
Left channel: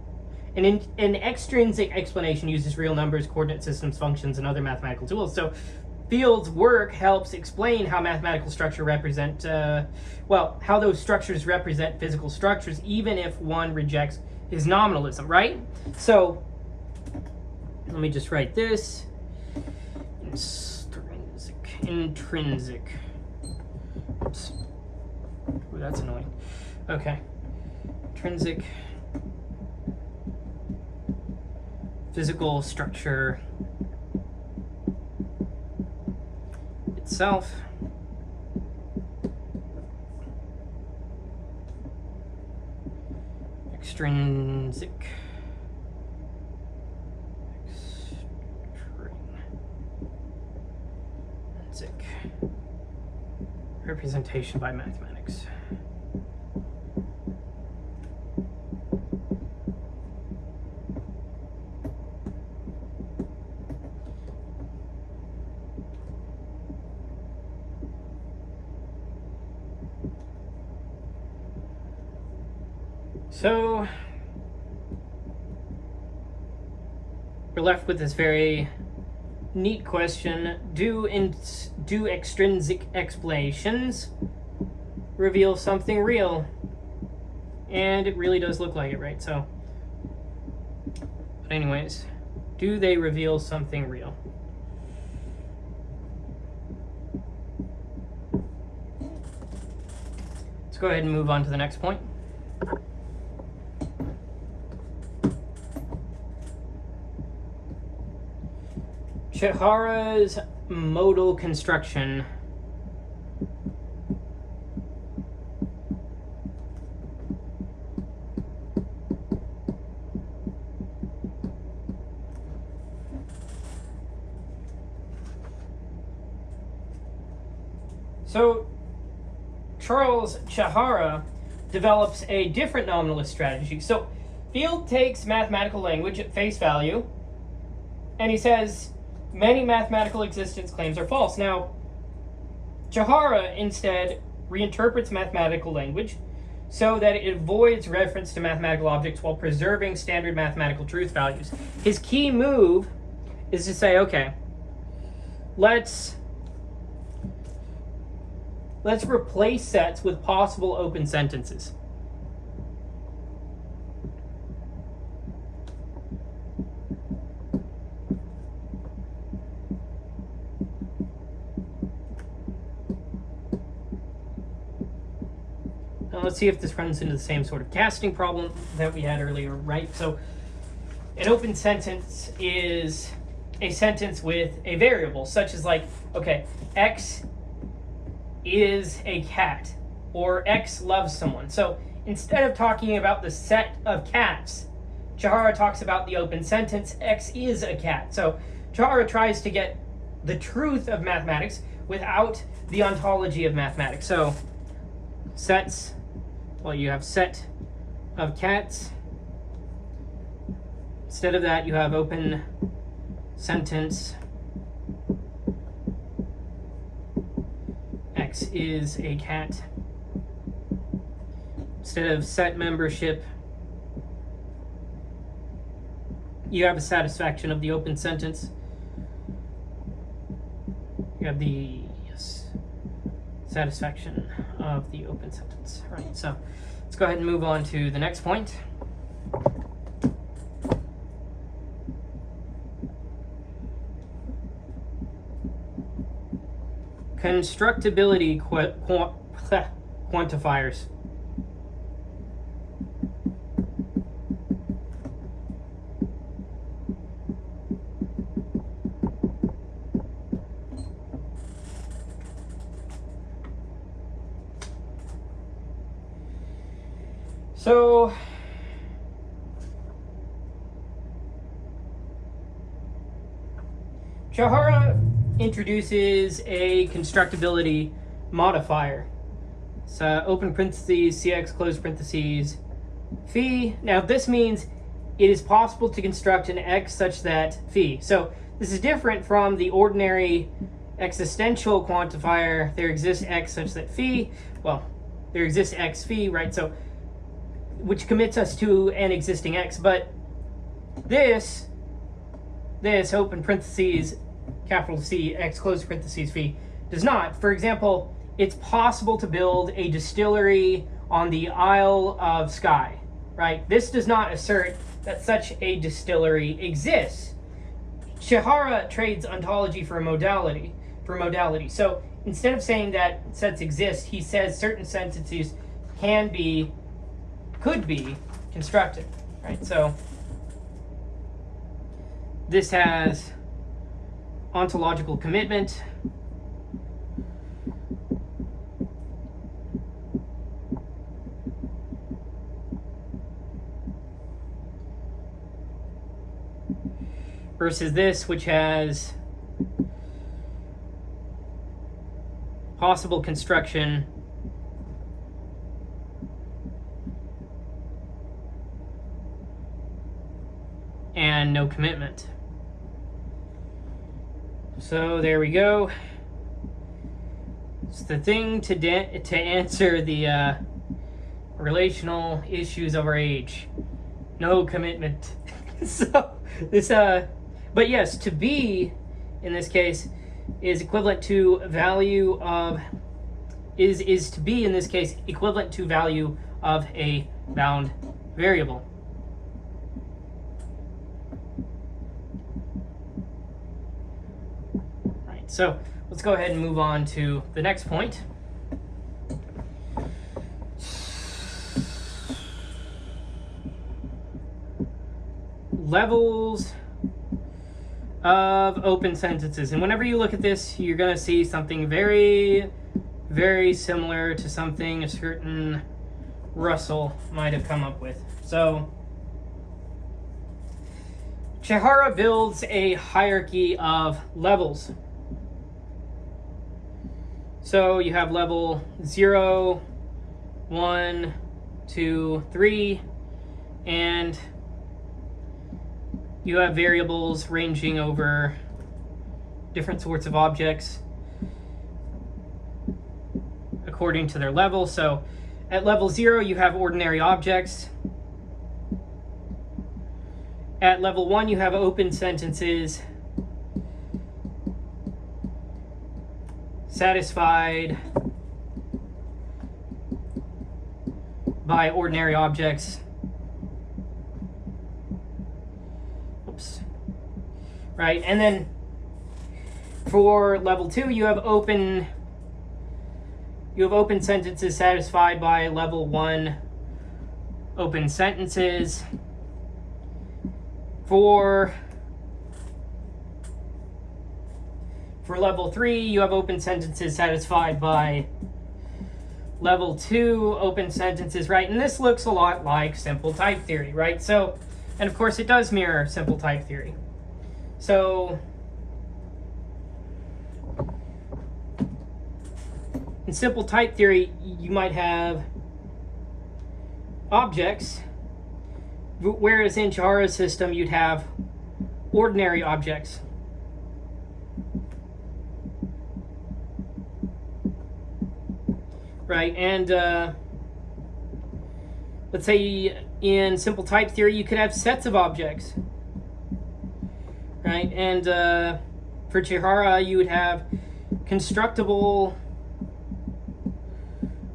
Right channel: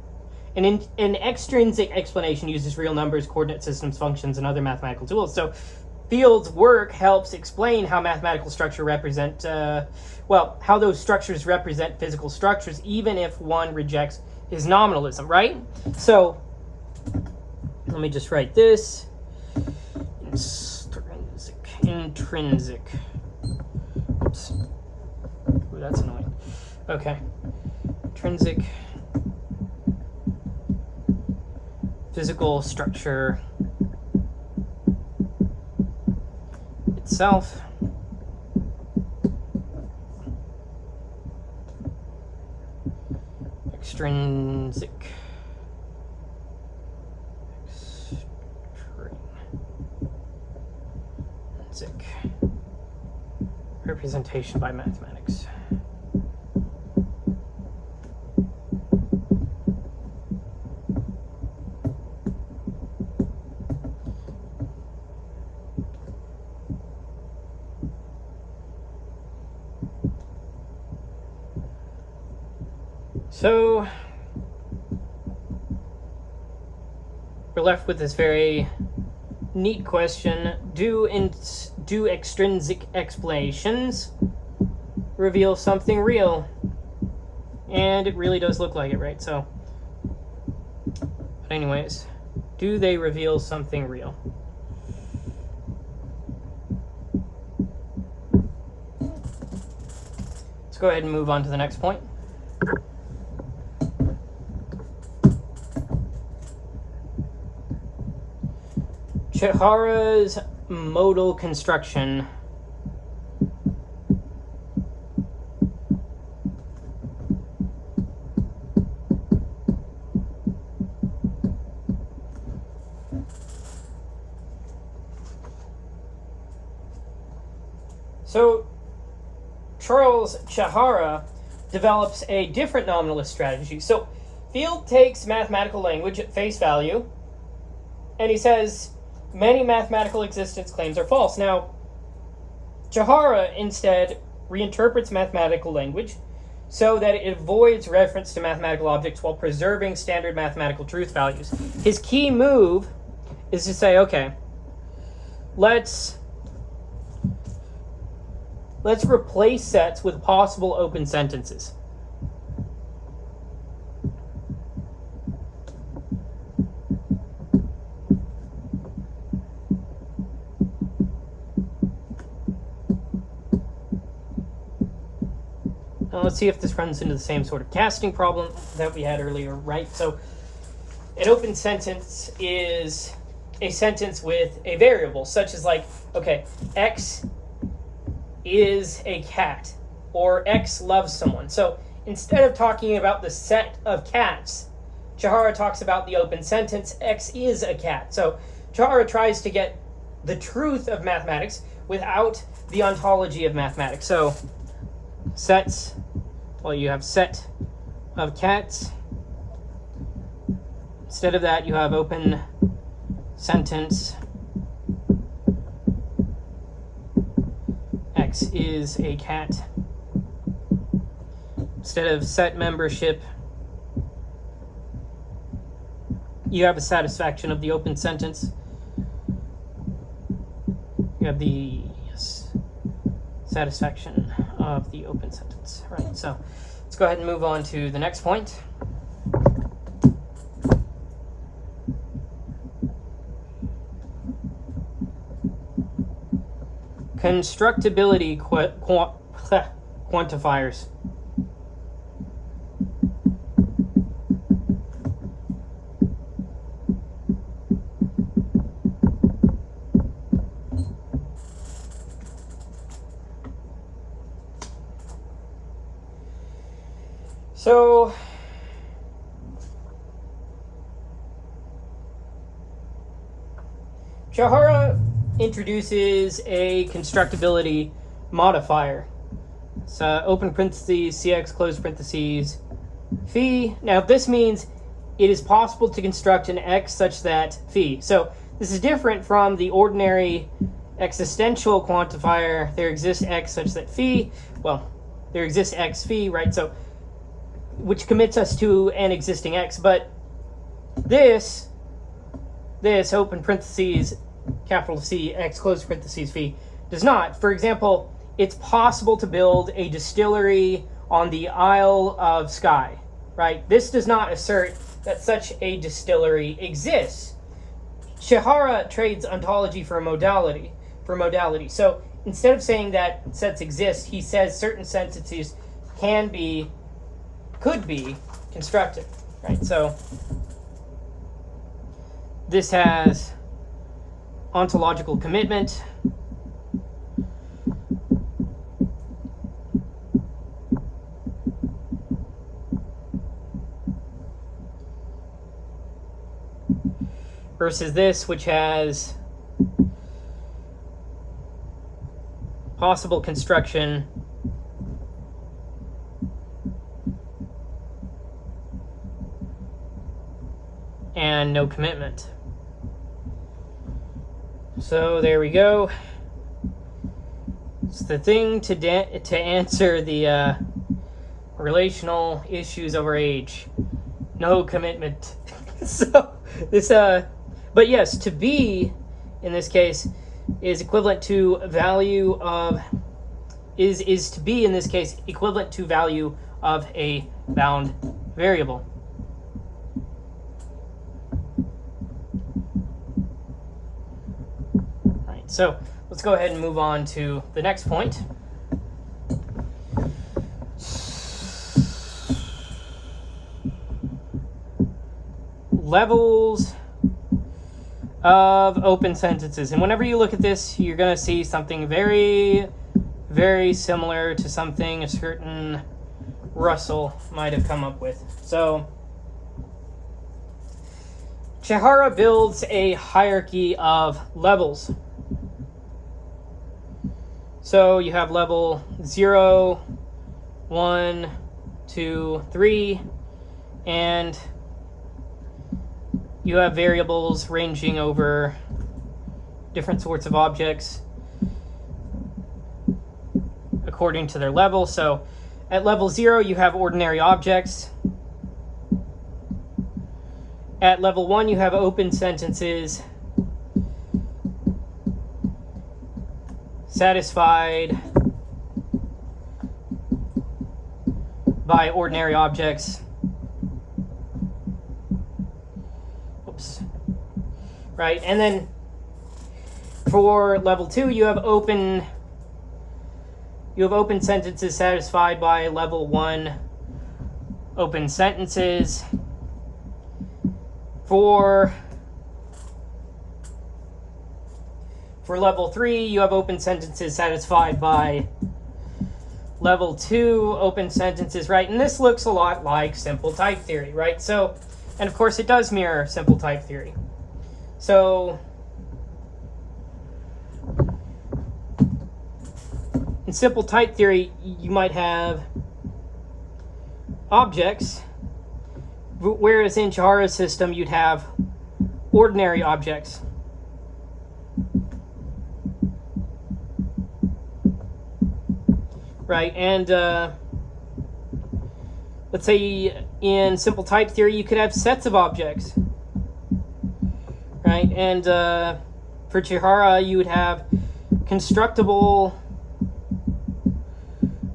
An extrinsic explanation uses real numbers, coordinate systems, functions, and other mathematical tools. So Field's work helps explain how mathematical structure represent, how those structures represent physical structures, even if one rejects his nominalism, right? So let me just write this. Intrinsic. Oops. Ooh, that's annoying. Okay. Intrinsic physical structure itself. Extrinsic representation by mathematics. So we're left with this very neat question. Do extrinsic explanations reveal something real? And it really does look like it, right? So, but anyways, do they reveal something real? Let's go ahead and move on to the next point. Chihara's modal construction. So Charles Chihara develops a different nominalist strategy. So Field takes mathematical language at face value, and he says many mathematical existence claims are false. Now, Chihara instead reinterprets mathematical language so that it avoids reference to mathematical objects while preserving standard mathematical truth values. His key move is to say, okay, let's replace sets with possible open sentences. Now let's see if this runs into the same sort of casting problem that we had earlier, right? So an open sentence is a sentence with a variable, such as like, okay, X is a cat, or X loves someone. So instead of talking about the set of cats, Chihara talks about the open sentence, X is a cat. So Chihara tries to get the truth of mathematics without the ontology of mathematics. So sets, well, you have set of cats. Instead of that, you have open sentence, X is a cat. Instead of set membership, you have a satisfaction of the open sentence. You have the satisfaction of the open sentence. Right, so let's go ahead and move on to the next point. Constructibility quantifiers. So Chihara introduces a constructibility modifier. So open parentheses, CX, close parentheses, phi. Now this means it is possible to construct an X such that phi. So this is different from the ordinary existential quantifier, there exists X such that phi. Well, there exists X phi, right? So, which commits us to an existing X, but this open parentheses, capital C, X, close parentheses, phi, does not. For example, it's possible to build a distillery on the Isle of Skye, right? This does not assert that such a distillery exists. Chihara trades ontology for modality. So instead of saying that sets exist, he says certain sentences could be constructed, right? So this has ontological commitment. Versus this, which has possible construction and no commitment. So there we go. It's the thing to answer the, or relational issues over age. No commitment. So this but yes, to be in this case is equivalent to value of is to be in this case equivalent to value of a bound variable. All right, so let's go ahead and move on to the next point. Levels of open sentences. And whenever you look at this, you're going to see something very, very similar to something a certain Russell might have come up with. So Chihara builds a hierarchy of levels. So you have level 0, 1, 2, 3, and you have variables ranging over different sorts of objects according to their level. So at level 0, you have ordinary objects. At level 1, you have open sentences satisfied by ordinary objects. Oops. Right, and then for level 2, you have open sentences satisfied by level 1 open sentences. For level 3, you have open sentences satisfied by level 2 open sentences, right? And this looks a lot like simple type theory, right? So, and of course it does mirror simple type theory. So in simple type theory, you might have objects, whereas in Chihara's system, you'd have ordinary objects. Right, and let's say in simple type theory, you could have sets of objects. Right, and for Chihara, you would have constructible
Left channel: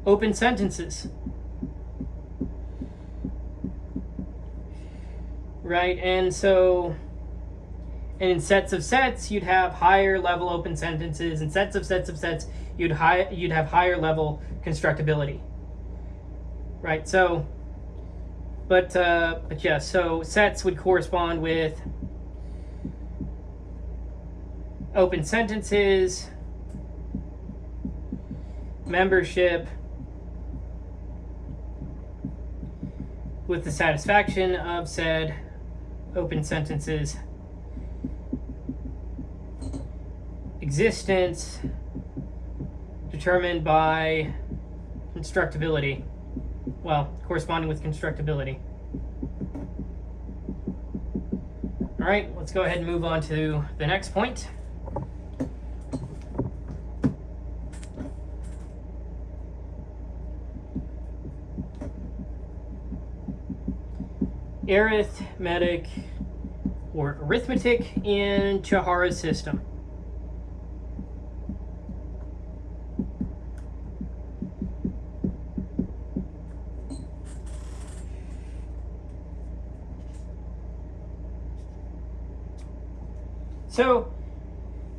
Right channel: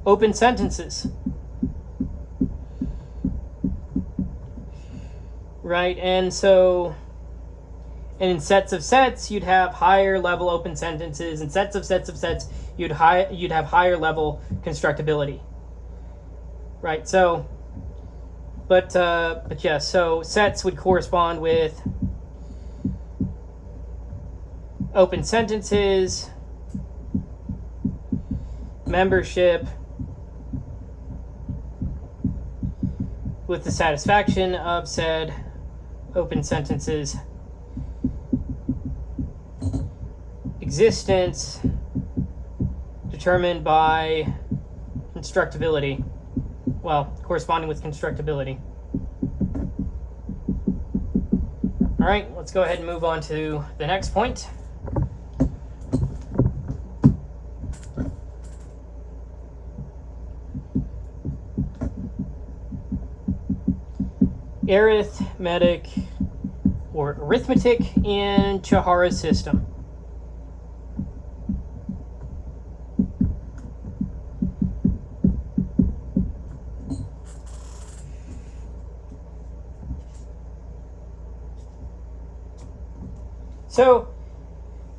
open sentences. Right, and so, and in sets of sets, you'd have higher level open sentences, and sets of sets, you'd have higher level constructibility. Right, so, but yeah, so sets would correspond with open sentences, membership, with the satisfaction of said open sentences, existence determined by constructibility, well, corresponding with constructibility. All right, let's go ahead and move on to the next point. Arithmetic in Chihara's system. So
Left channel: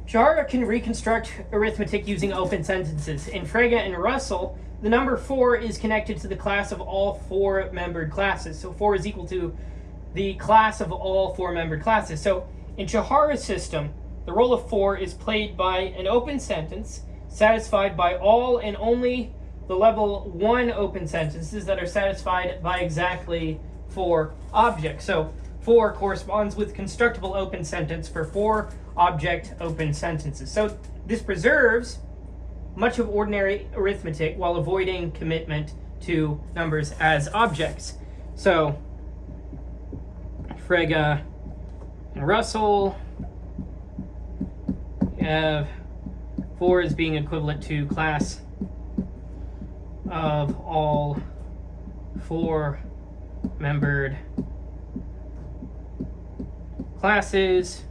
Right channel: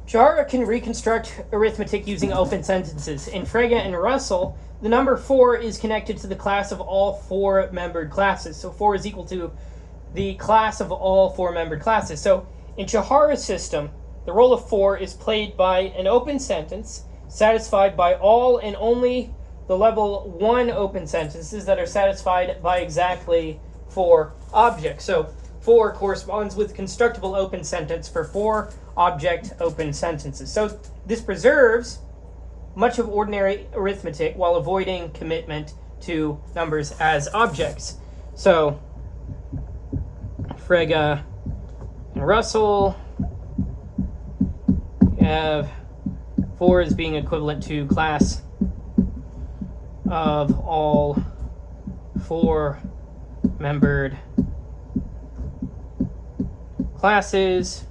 Chihara can reconstruct arithmetic using open sentences. In Frege and Russell, the number 4 is connected to the class of all 4 membered classes. So 4 is equal to the class of all 4 membered classes. So in Chihara's system, the role of 4 is played by an open sentence satisfied by all and only the level 1 open sentences that are satisfied by exactly 4 objects. So 4 corresponds with constructible open sentence for 4 object open sentences. So this preserves much of ordinary arithmetic while avoiding commitment to numbers as objects. So Frege and Russell have 4 as being equivalent to class of all four-membered classes,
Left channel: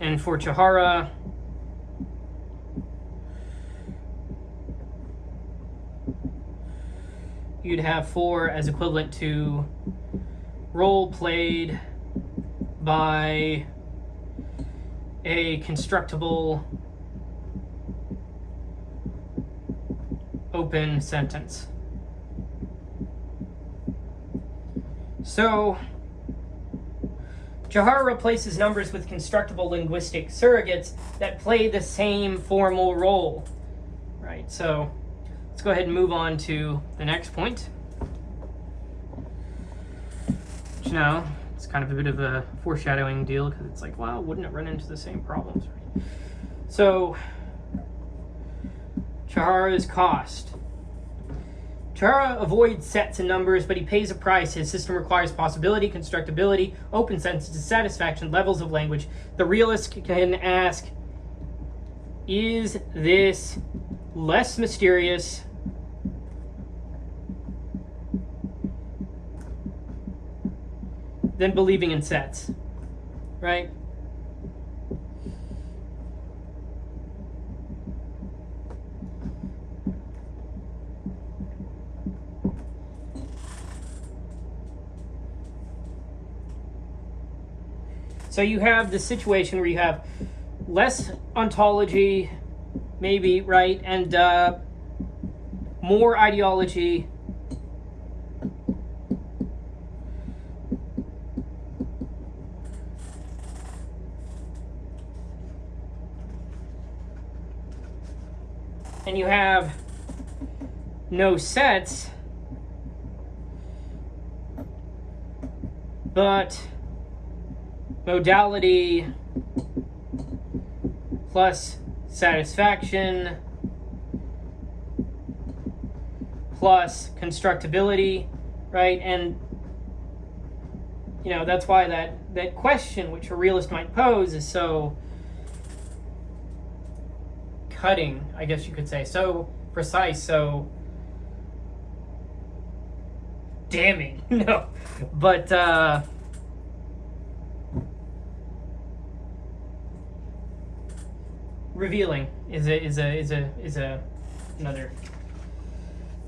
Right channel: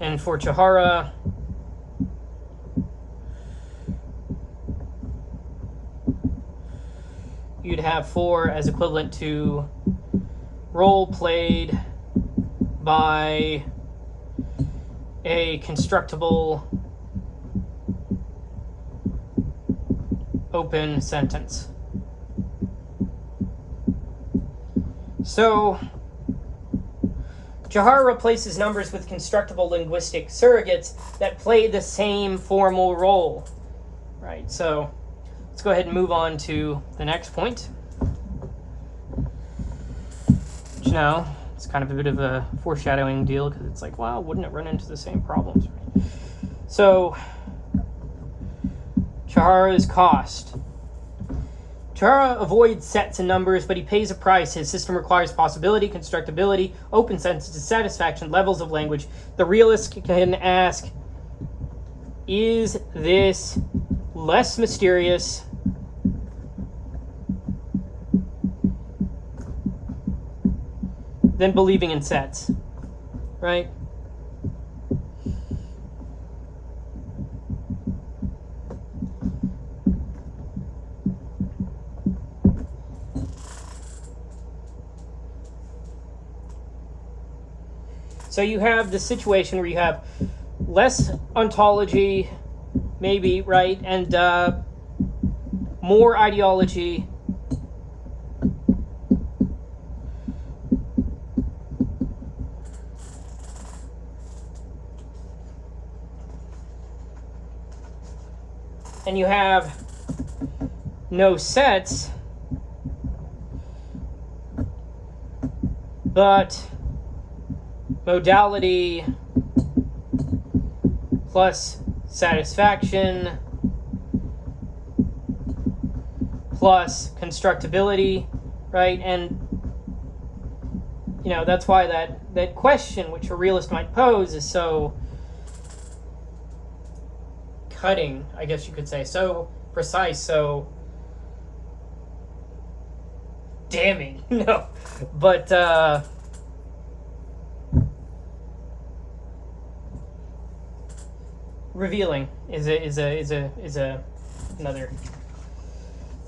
and for Chahara, you'd have 4 as equivalent to role played by a constructible open sentence. So Chahara replaces numbers with constructible linguistic surrogates that play the same formal role. Right, so let's go ahead and move on to the next point. Which now, it's kind of a bit of a foreshadowing deal, because it's like, wow, wouldn't it run into the same problems? Right? So, Chahara's cost. Chahara avoids sets and numbers, but he pays a price. His system requires possibility, constructibility, open sentence, dissatisfaction, levels of language. The realist can ask, is this less mysterious than believing in sets, right? So you have the situation where you have less ontology, maybe, right, and more ideology, and you have no sets, but modality plus satisfaction plus constructibility, right? And you know, that's why that question which a realist might pose is so cutting, I guess you could say, so precise, so damning. No, but revealing is another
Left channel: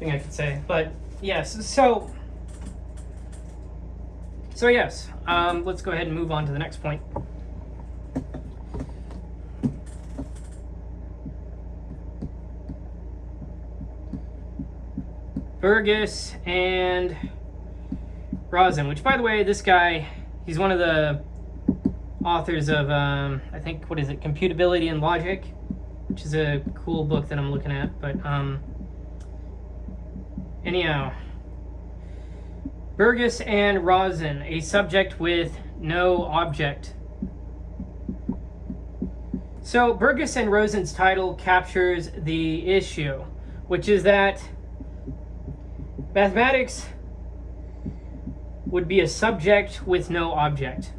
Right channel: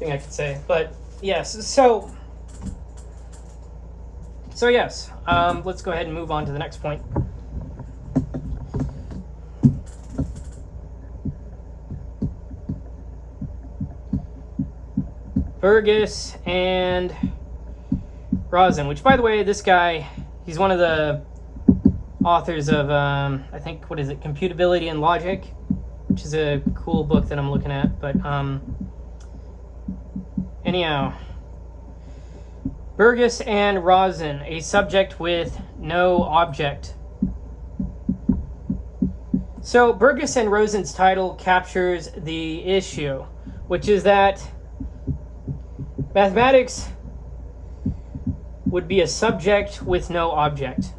thing I could say. But yes, so yes, let's go ahead and move on to the next point. Burgess and Rosen, which, by the way, this guy, he's one of the authors of, I think, what is it, Computability and Logic, which is a cool book that I'm looking at. But anyhow, Burgess and Rosen, a subject with no object. So Burgess and Rosen's title captures the issue, which is that mathematics would be a subject with no object.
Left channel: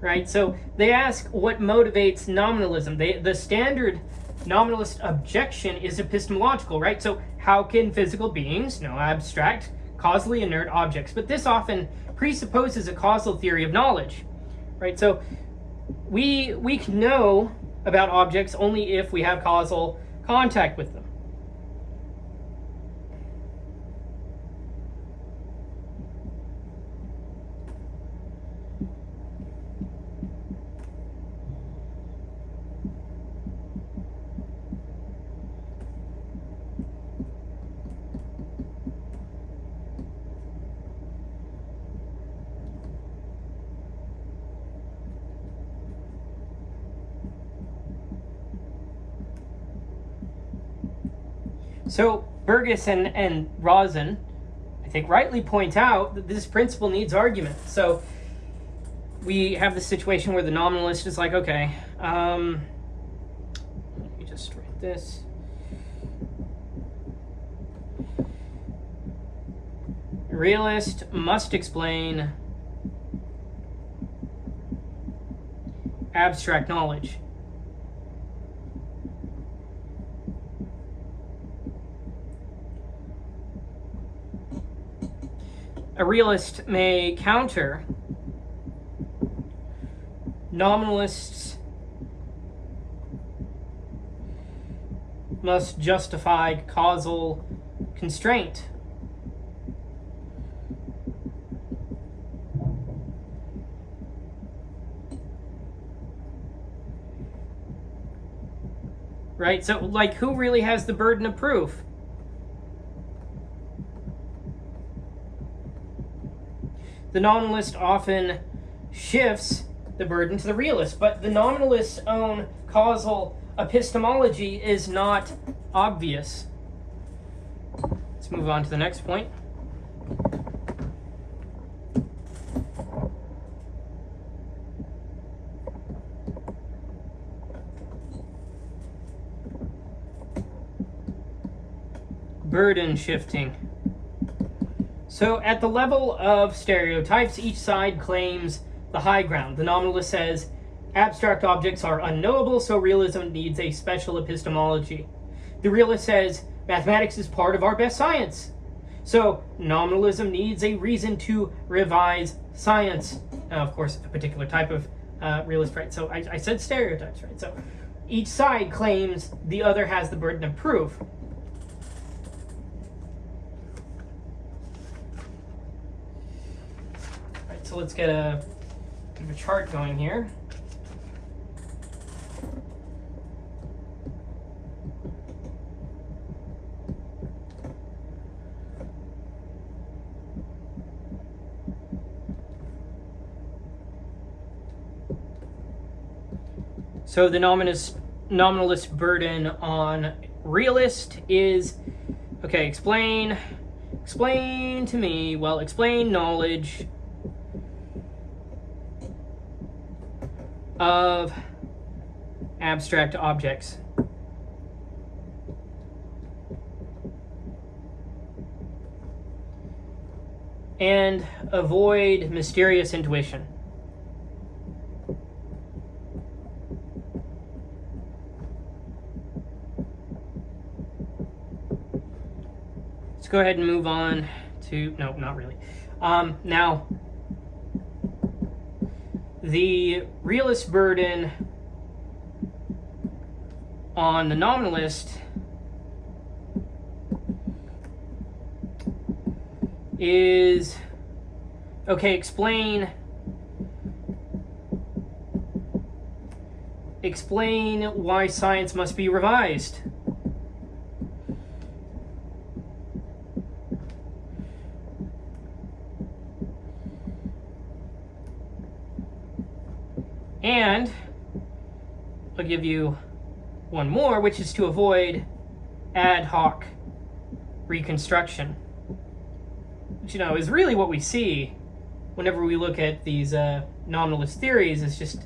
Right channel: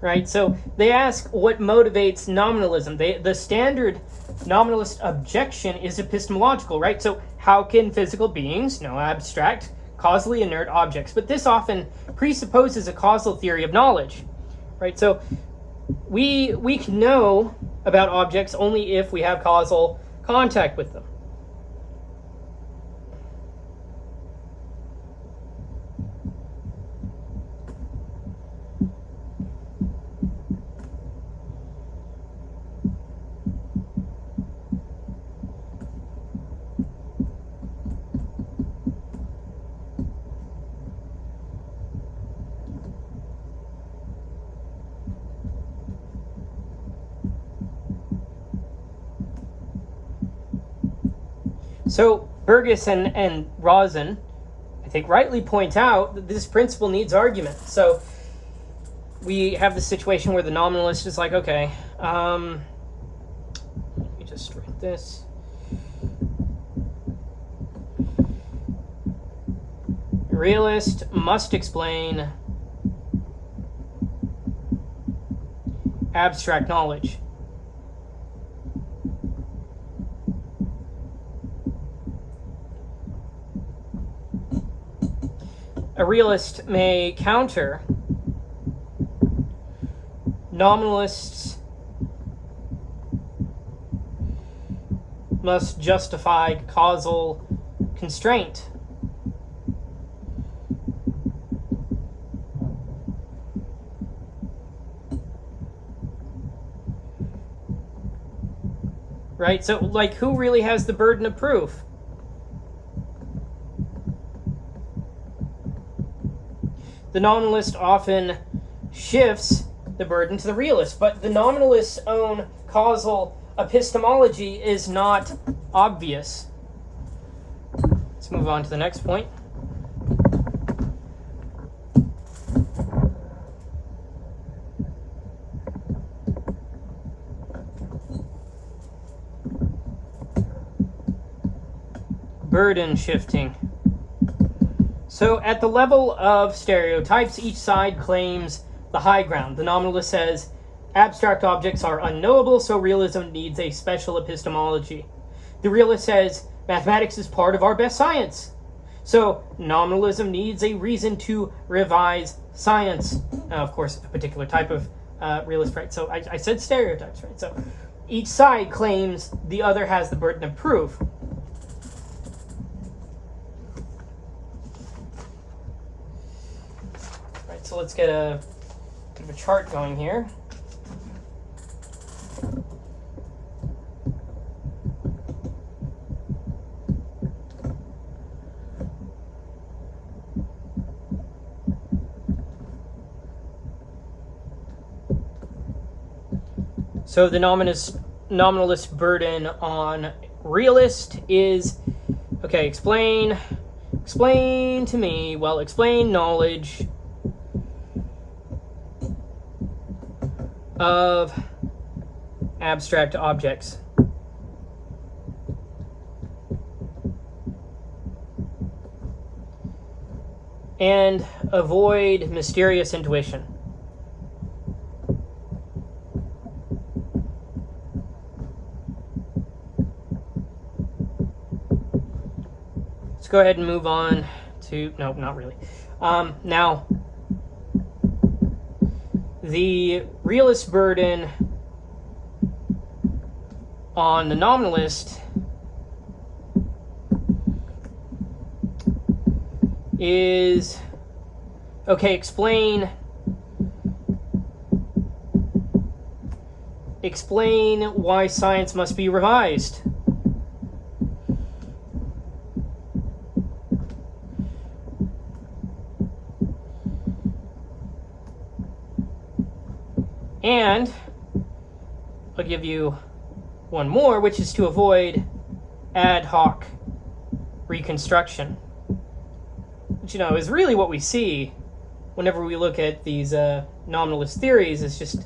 Right? So they ask what motivates nominalism. The standard nominalist objection is epistemological, right? So how can physical beings know abstract, causally inert objects? But this often presupposes a causal theory of knowledge, right? So we can know about objects only if we have causal contact with them. So Burgess and Rosen, I think, rightly point out that this principle needs argument. So we have the situation where the nominalist is like, okay, let me just write this. realist must explain abstract knowledge. A realist may counter nominalists must justify causal constraint. Right? So, like, who really has the burden of proof? The nominalist often shifts the burden to the realist, but the nominalist's own causal epistemology is not obvious. Let's move on to the next point. Burden shifting. So at the level of stereotypes, each side claims the high ground. The nominalist says abstract objects are unknowable, so realism needs a special epistemology. The realist says mathematics is part of our best science, so nominalism needs a reason to revise science. Of course, a particular type of realist, right? So I said stereotypes, right? So each side claims the other has the burden of proof. So let's get a chart going here. So the nominalist burden on realist is, okay, explain to me, well, explain knowledge of abstract objects. And avoid mysterious intuition. Let's go ahead and move on to, no, not really. Now, the realist burden on the nominalist is, okay, explain why science must be revised. And I'll give you one more, which is to avoid ad hoc reconstruction, which, you know, is really what we see whenever we look at these nominalist theories. Is just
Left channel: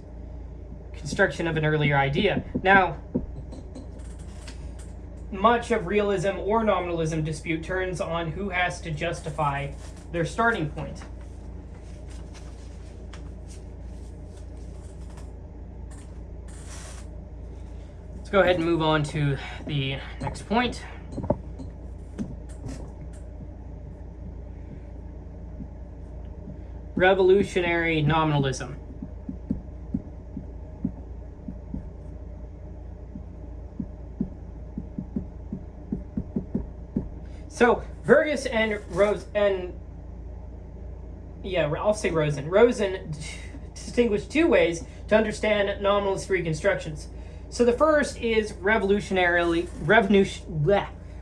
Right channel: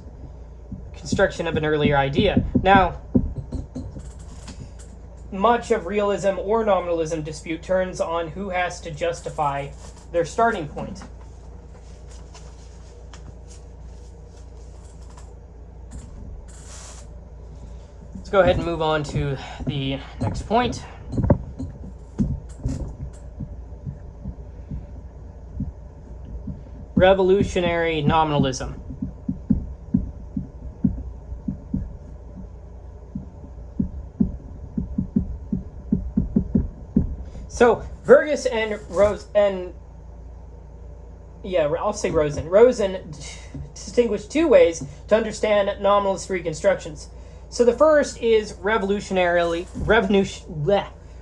construction of an earlier idea. Now, much of realism or nominalism dispute turns on who has to justify their starting point. Let's go ahead and move on to the next point. Revolutionary nominalism. So Vergas and Rosen distinguish two ways to understand nominalist reconstructions. So the first is revolutionary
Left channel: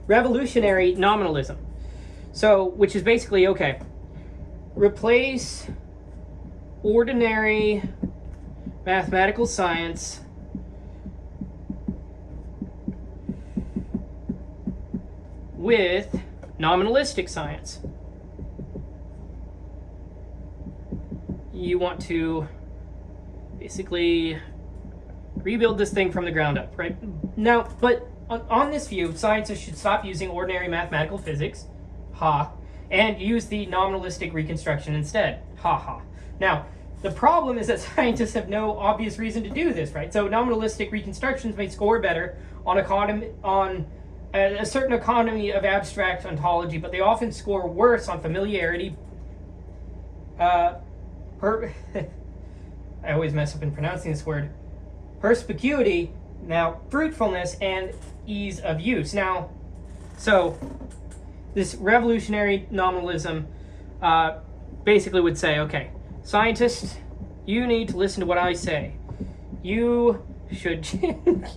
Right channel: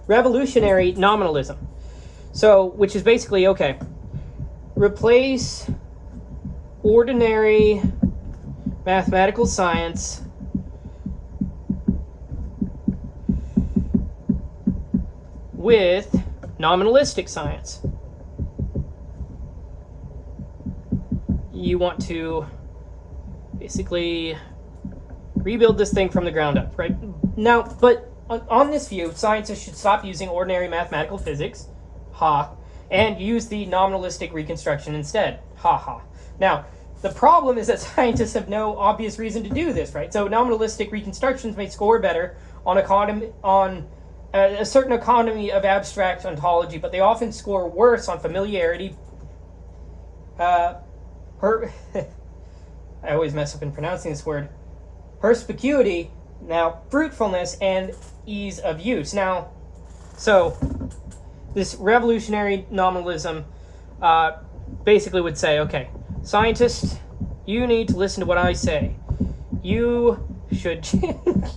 nominalism. So, which is basically, okay, replace ordinary mathematical science with nominalistic science. You want to basically rebuild this thing from the ground up, right? Now, but on this view, scientists should stop using ordinary mathematical physics, and use the nominalistic reconstruction instead. Ha ha. Now, the problem is that scientists have no obvious reason to do this, right? So nominalistic reconstructions may score better on a certain economy of abstract ontology, but they often score worse on familiarity, I always mess up in pronouncing this word, perspicuity, now fruitfulness, and ease of use. Now, so this revolutionary nominalism basically would say, okay, scientists, you need to listen to what I say. You should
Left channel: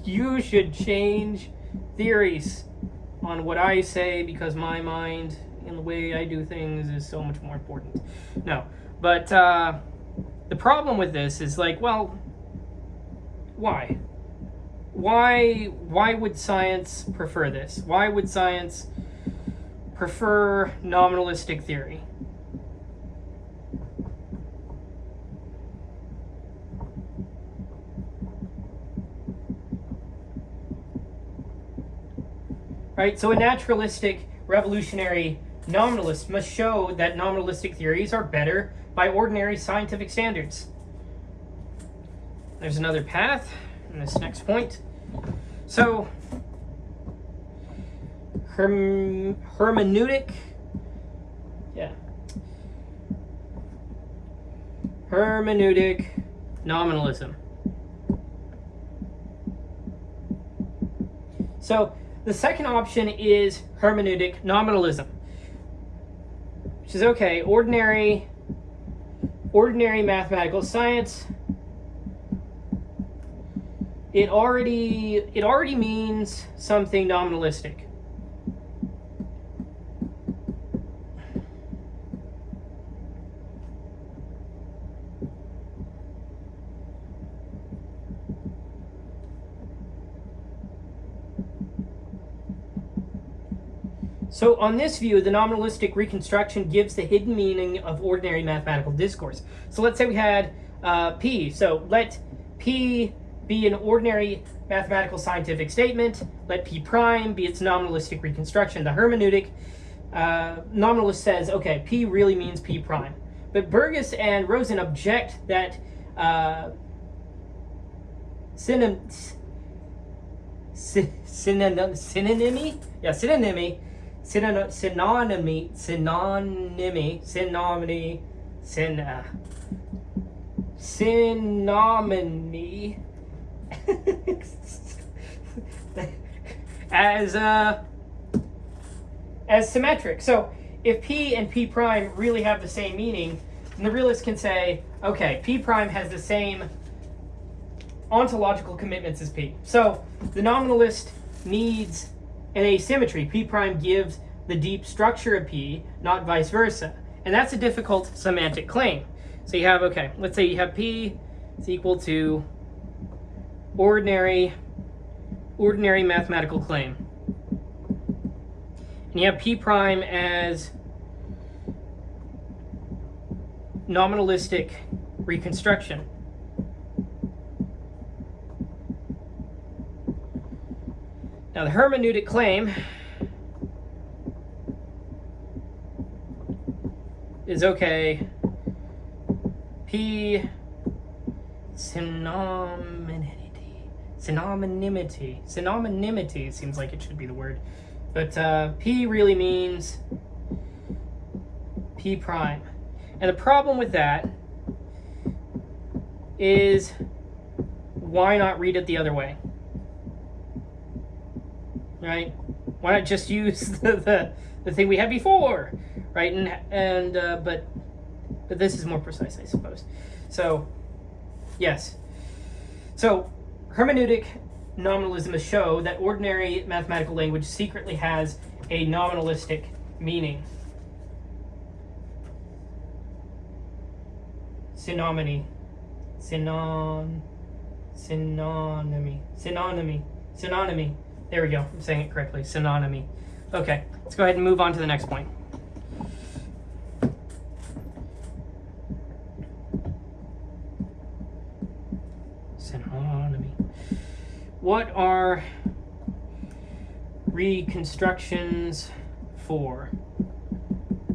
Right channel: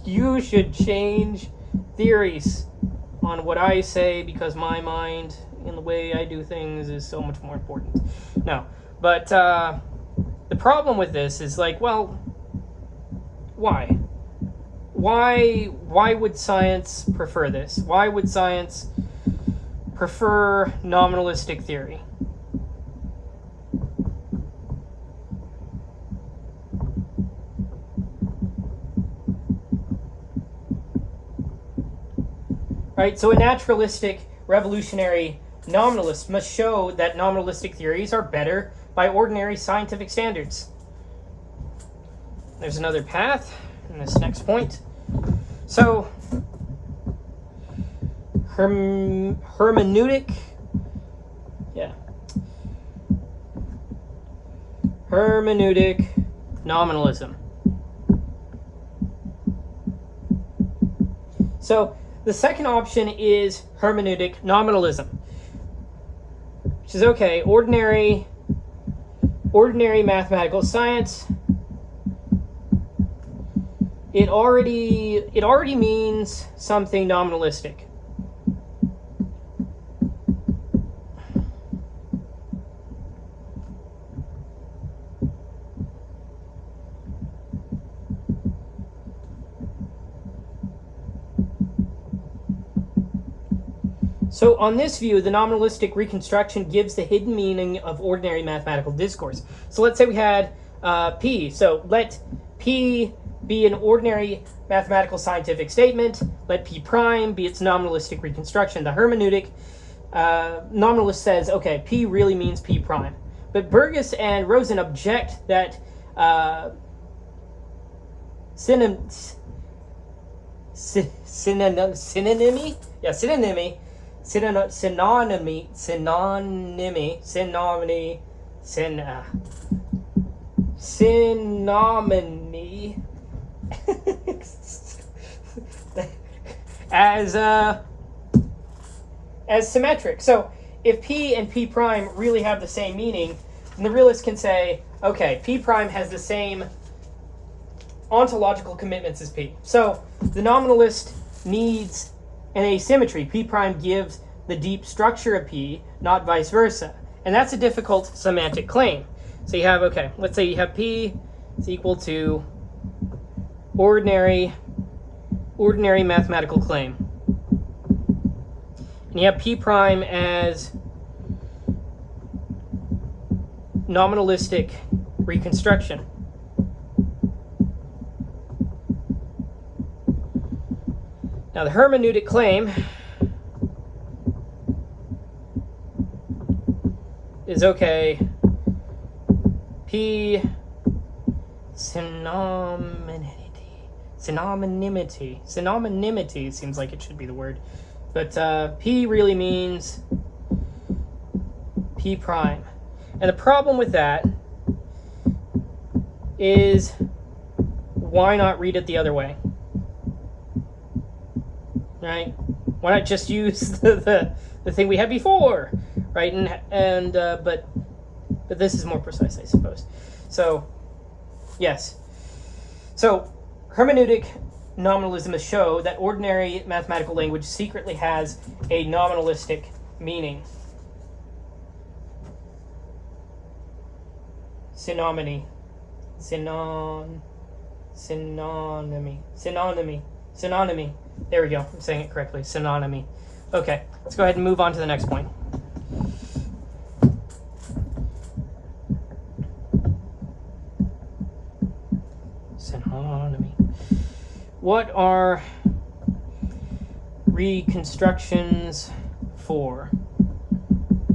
you should change theories on what I say because my mind and the way I do things is so much more important. No, but the problem with this is like, well, why? Why would science prefer this? Why would science prefer nominalistic theory? Right, so a naturalistic revolutionary nominalist must show that nominalistic theories are better by ordinary scientific standards. There's another path in this next point. So, hermeneutic nominalism. So, the second option is hermeneutic nominalism, which is okay, ordinary mathematical science. It already means something nominalistic. So on this view, the nominalistic reconstruction gives the hidden meaning of ordinary mathematical discourse. So let's say we had P. So let P be an ordinary mathematical scientific statement. Let P prime be its nominalistic reconstruction. The hermeneutic nominalist says, okay, P really means P prime. But Burgess and Rosen object that synonymy as symmetric. So if P and P prime really have the same meaning, then the realist can say, okay, P prime has the same ontological commitments as P. So the nominalist needs an asymmetry. P prime gives the deep structure of P, not vice versa. And that's a difficult semantic claim. So you have, okay, let's say you have P is equal to ordinary mathematical claim. And you have P prime as nominalistic reconstruction. Now the hermeneutic claim is, okay, P synonymity seems like it should be the word, but P really means P prime. And the problem with that is, why not read it the other way? Right? Why not just use the thing we had before, right? But this is more precise, I suppose. So, yes. So, hermeneutic nominalism is show that ordinary mathematical language secretly has a nominalistic meaning. Synonymy. There we go. I'm saying it correctly. Synonymy. Okay, let's go ahead and move on to the next point. Synonymy. What are reconstructions for?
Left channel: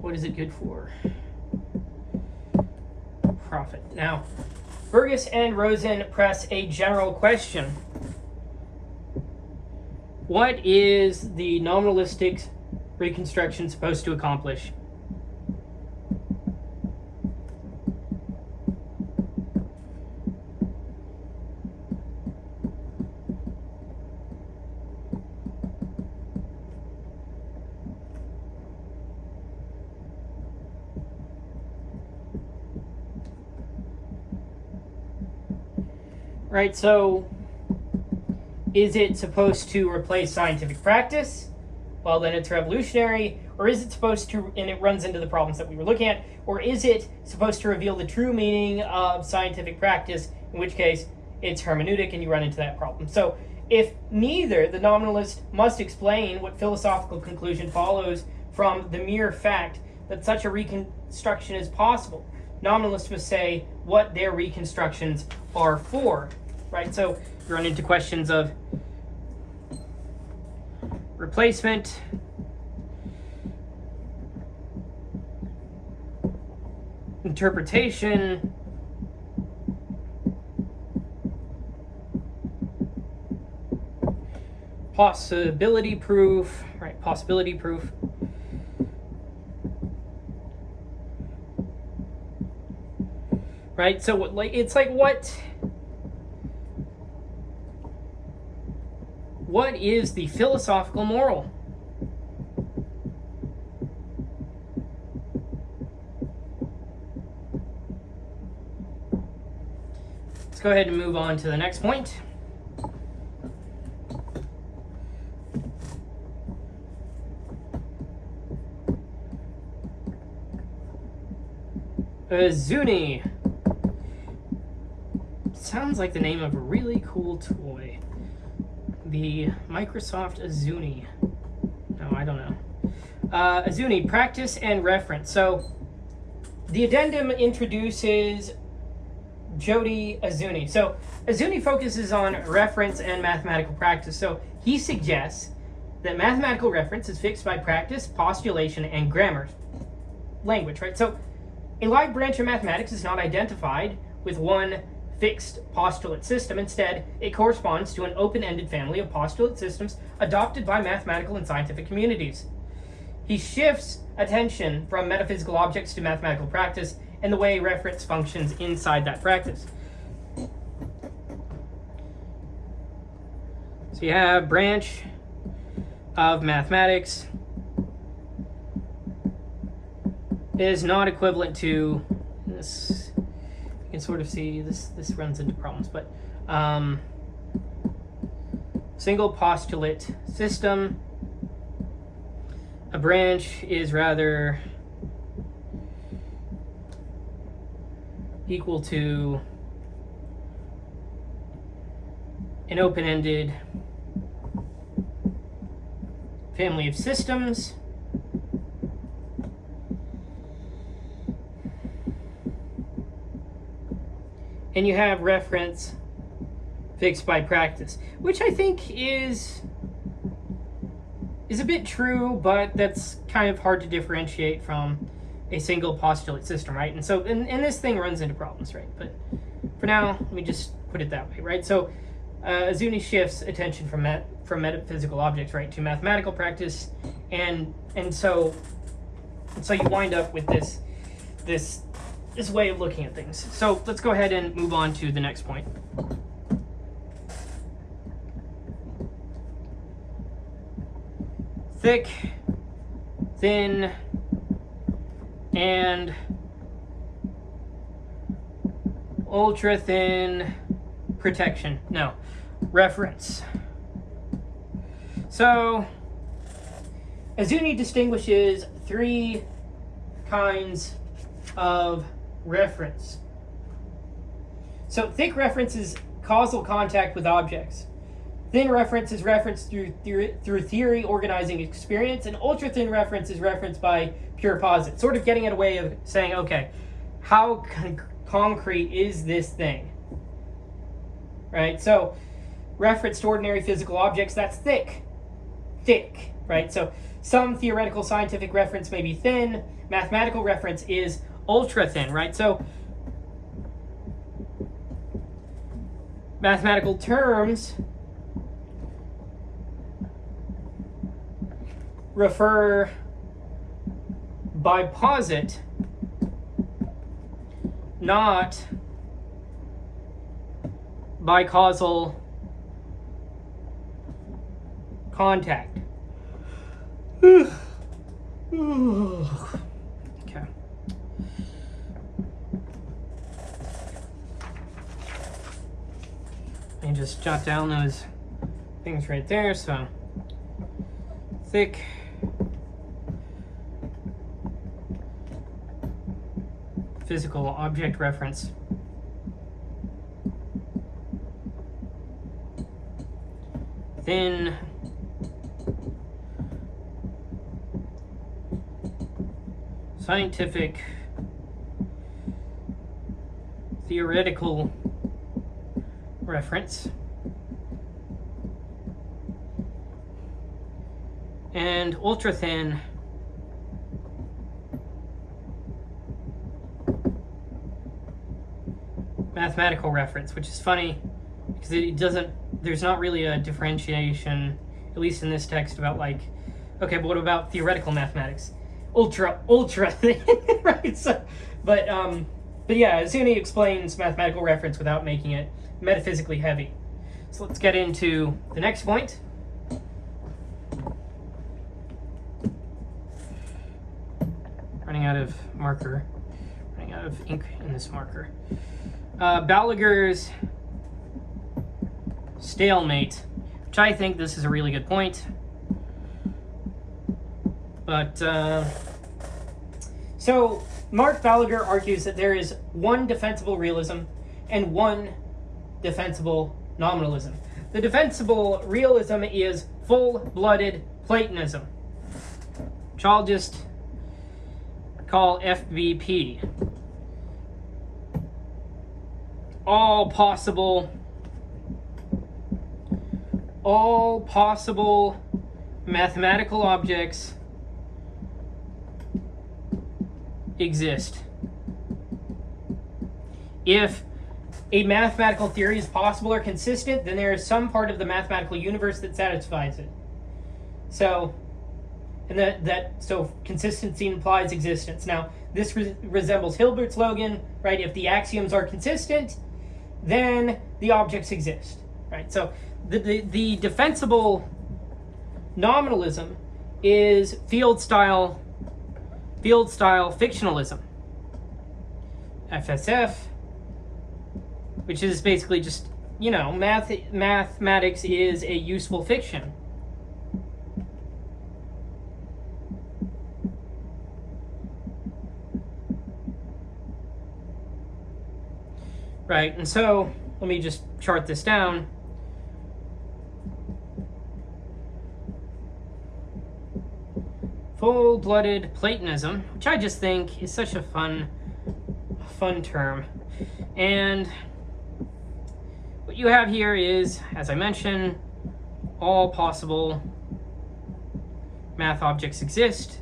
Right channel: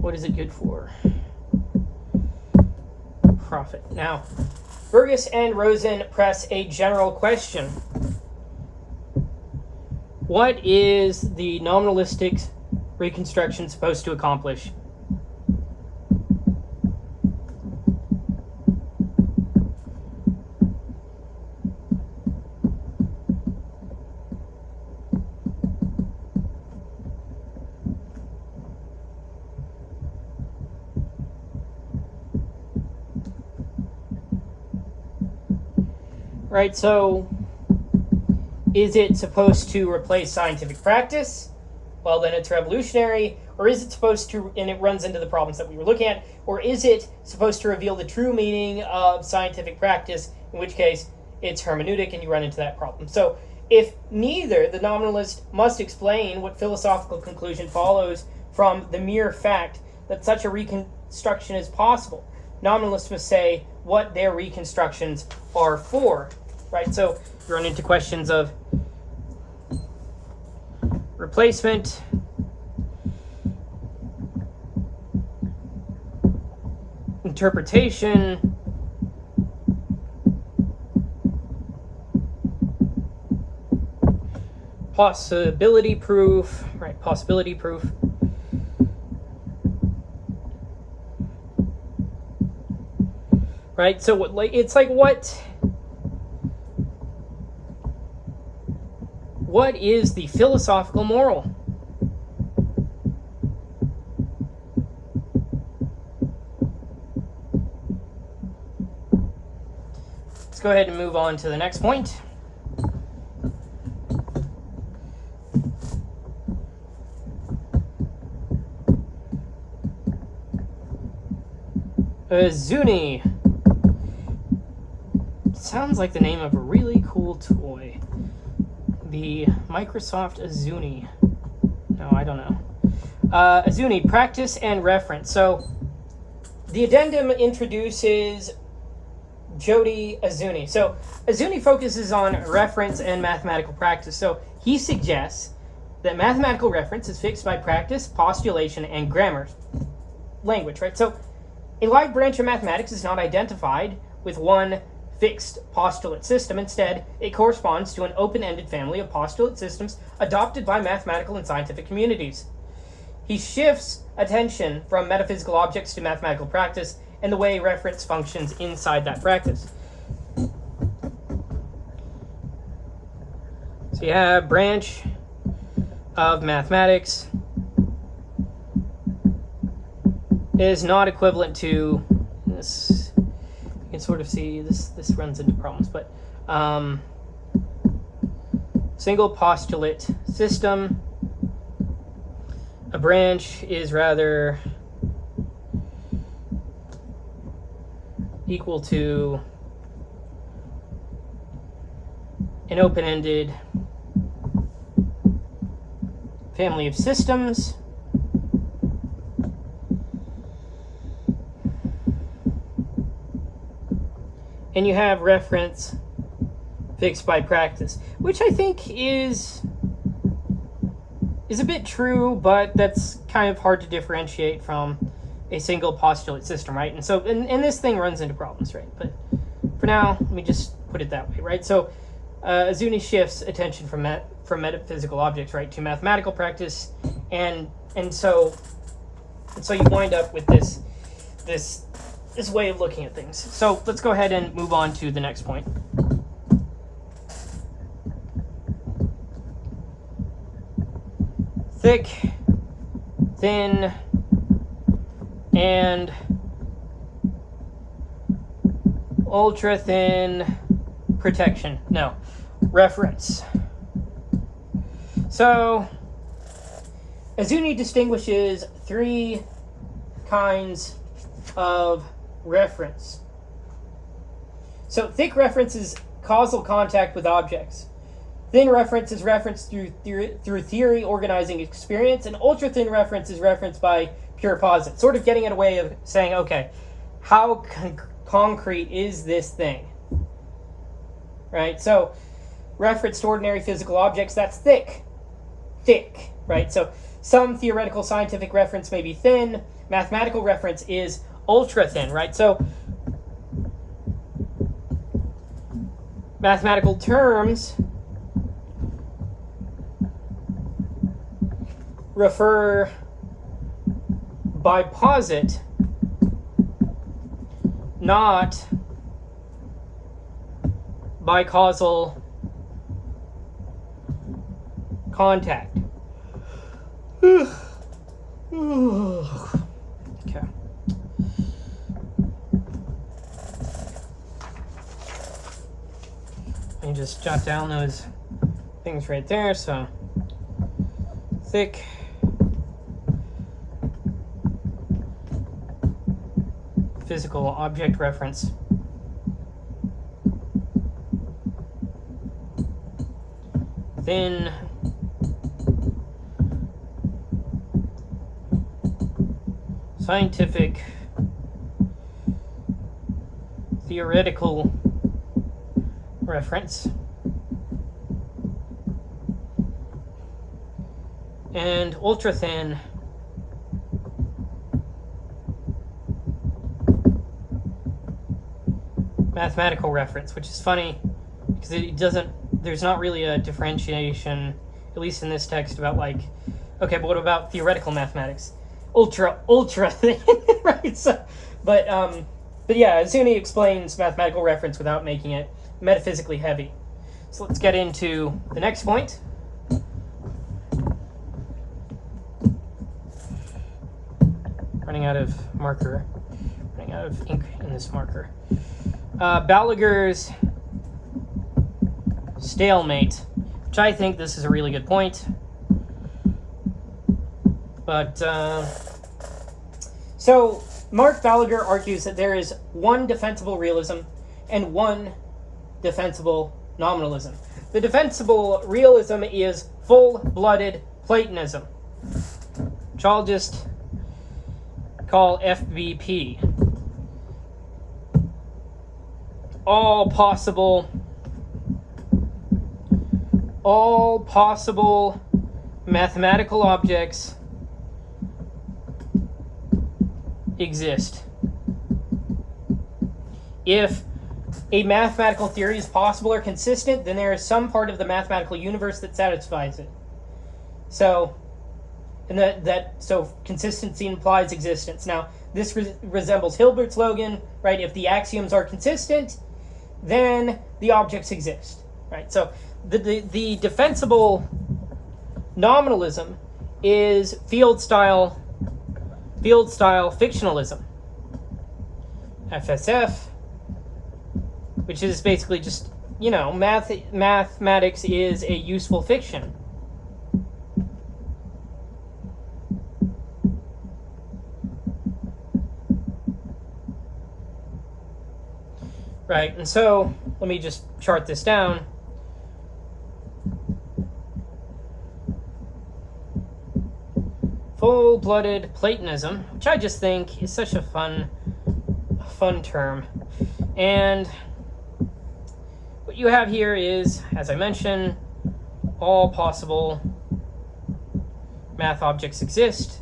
What is it good for? Profit. Now, Burgess and Rosen press a general question. What is the nominalistic reconstruction supposed to accomplish? Right, so is it supposed to replace scientific practice? Well, then it's revolutionary. Or is it supposed to, and it runs into the problems that we were looking at, or is it supposed to reveal the true meaning of scientific practice, in which case it's hermeneutic and you run into that problem. So if neither, the nominalist must explain what philosophical conclusion follows from the mere fact that such a reconstruction is possible. Nominalists must say what their reconstructions are for. Right, so you run into questions of replacement, interpretation, possibility proof, right? Possibility proof. Right, so it's like what is the philosophical moral? Let's go ahead and move on to the next point. Zuni. Sounds like the name of a really cool toy. The Microsoft Azuni. No, I don't know. Azuni, practice and reference. So the addendum introduces Jody Azuni. So Azuni focuses on reference and mathematical practice. So he suggests that mathematical reference is fixed by practice, postulation, and grammar language, right? So a wide branch of mathematics is not identified with one fixed postulate system. Instead, it corresponds to an open-ended family of postulate systems adopted by mathematical and scientific communities. He shifts attention from metaphysical objects to mathematical practice and the way reference functions inside that practice. So you have branch of mathematics is not equivalent to this. You can sort of see this runs into problems, but single postulate system. A branch is rather equal to an open-ended family of systems. And you have reference fixed by practice, which I think is a bit true, but that's kind of hard to differentiate from a single postulate system, right? And so, and this thing runs into problems, right? But for now, let me just put it that way, right? So Azuni shifts attention from metaphysical objects, right, to mathematical practice, and so you wind up with this way of looking at things. So let's go ahead and move on to the next point. Thick, thin, and ultra thin protection. No, reference. So Azuni distinguishes three kinds of reference. So thick reference is causal contact with objects. Thin reference is reference through theory organizing experience, and ultra thin reference is reference by pure posit. Sort of getting at a way of saying, okay, how concrete is this thing? Right? So reference to ordinary physical objects, that's thick. Thick. right? So some theoretical scientific reference may be thin, mathematical reference is ultra thin, right? So mathematical terms refer by posit, not by causal contact. Okay. Let me just jot down those things right there. So thick physical object reference. Thin scientific theoretical reference. And ultra thin mathematical reference, which is funny because it doesn't, there's not really a differentiation, at least in this text, about like, okay, but what about theoretical mathematics? Ultra thin, right? So, but yeah, Zuni explains mathematical reference without making it metaphysically heavy. So let's get into the next point. Running out of marker, running out of ink in this marker. Balaguer's stalemate, which I think this is a really good point. But, so Mark Balaguer argues that there is one defensible realism and one defensible nominalism. The defensible realism is full-blooded Platonism, which I'll just call FBP. All possible mathematical objects exist. If a mathematical theory is possible or consistent, then there is some part of the mathematical universe that satisfies it. So, and so consistency implies existence. Now, this resembles Hilbert's slogan, right? If the axioms are consistent, then the objects exist, right? So the defensible nominalism is field style fictionalism. FSF, which is basically just, you know, mathematics is a useful fiction. Right, and so let me just chart this down. Full-blooded Platonism, which I just think is such a fun term. And what you have here is, as I mentioned, all possible math objects exist.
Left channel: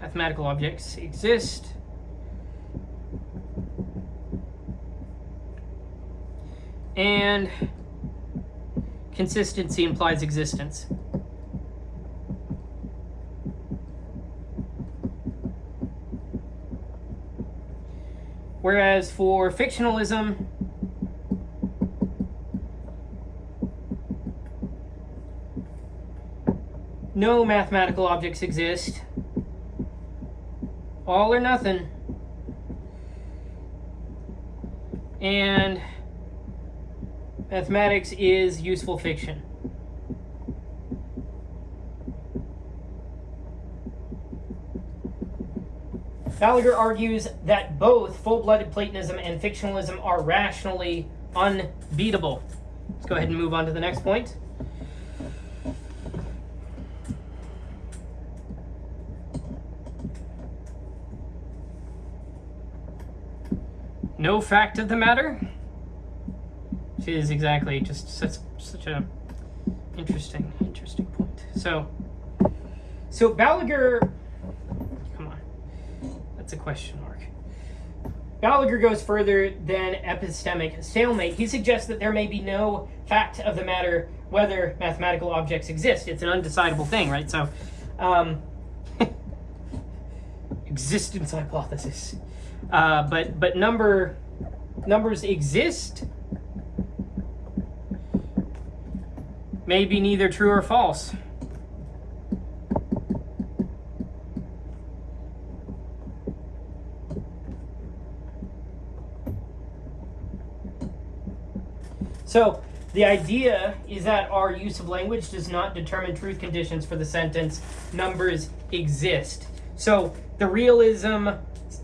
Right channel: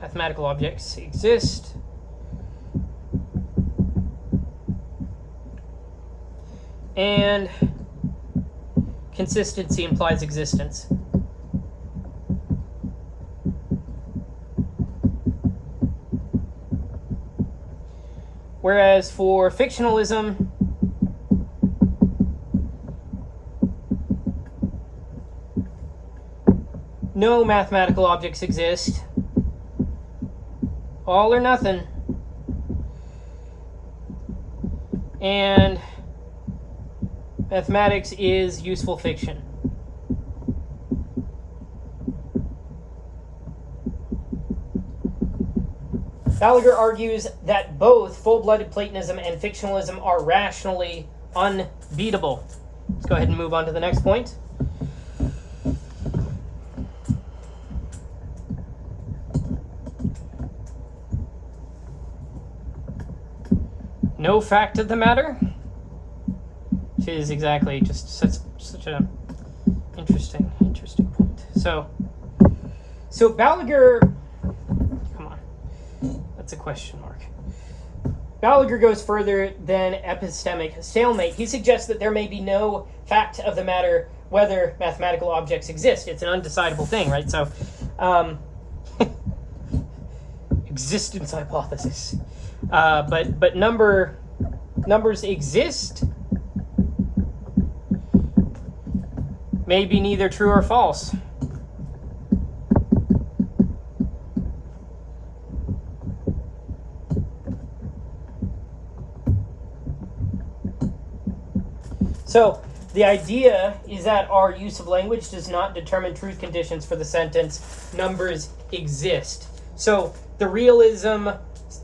Mathematical objects exist. And consistency implies existence. Whereas for fictionalism, no mathematical objects exist. All or nothing. And mathematics is useful fiction. Balaguer argues that both full-blooded Platonism and fictionalism are rationally unbeatable. Let's go ahead and move on to the next point. No fact of the matter, which is exactly just such a interesting point. So, So Balaguer, come on, that's a question mark. Balaguer goes further than epistemic stalemate. He suggests that there may be no fact of the matter whether mathematical objects exist. It's an undecidable thing, right? So, existence hypothesis. But numbers exist. May be neither true or false. So the idea is that our use of language does not determine truth conditions for the sentence numbers exist. So the realism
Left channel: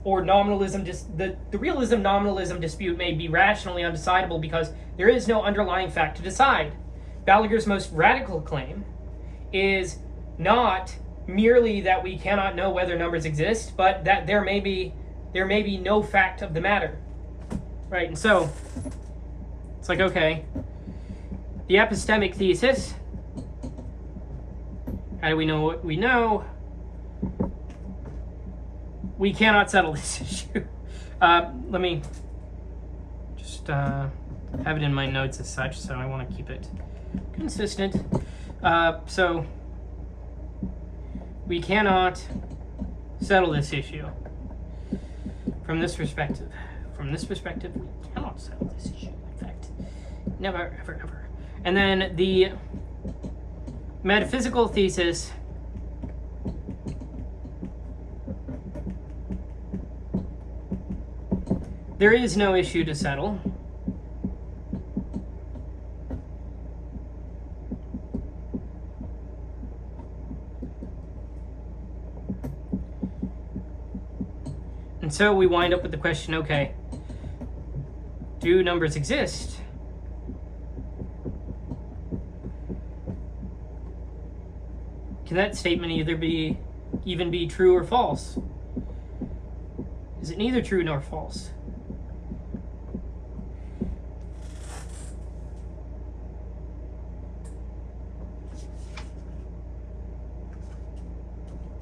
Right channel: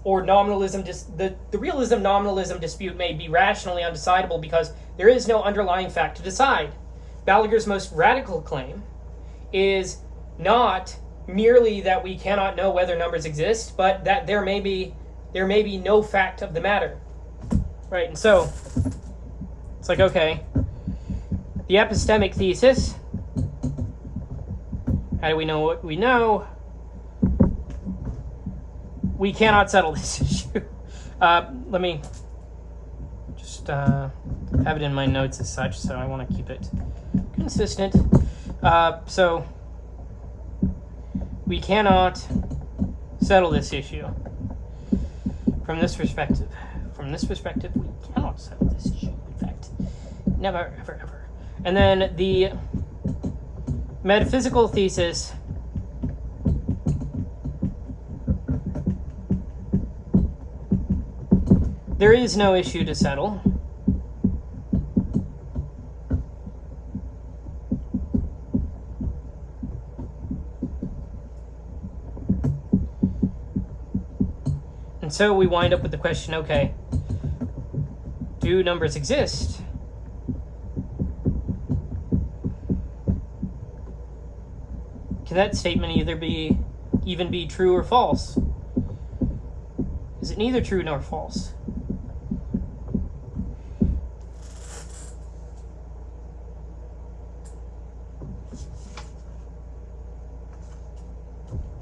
or nominalism, the realism nominalism dispute may be rationally undecidable because there is no underlying fact to decide. Balaguer's most radical claim is not merely that we cannot know whether numbers exist, but that there may be no fact of the matter, right? And so it's like, okay, the epistemic thesis. How do we know what we know? We cannot settle this issue. Let me just have it in my notes as such, so I want to keep it consistent. So we cannot settle this issue from this perspective. From this perspective, we cannot settle this issue. In fact, never, ever, ever. And then the metaphysical thesis. There is no issue to settle. And so we wind up with the question, okay, do numbers exist? Can that statement even be true or false? Is it neither true nor false?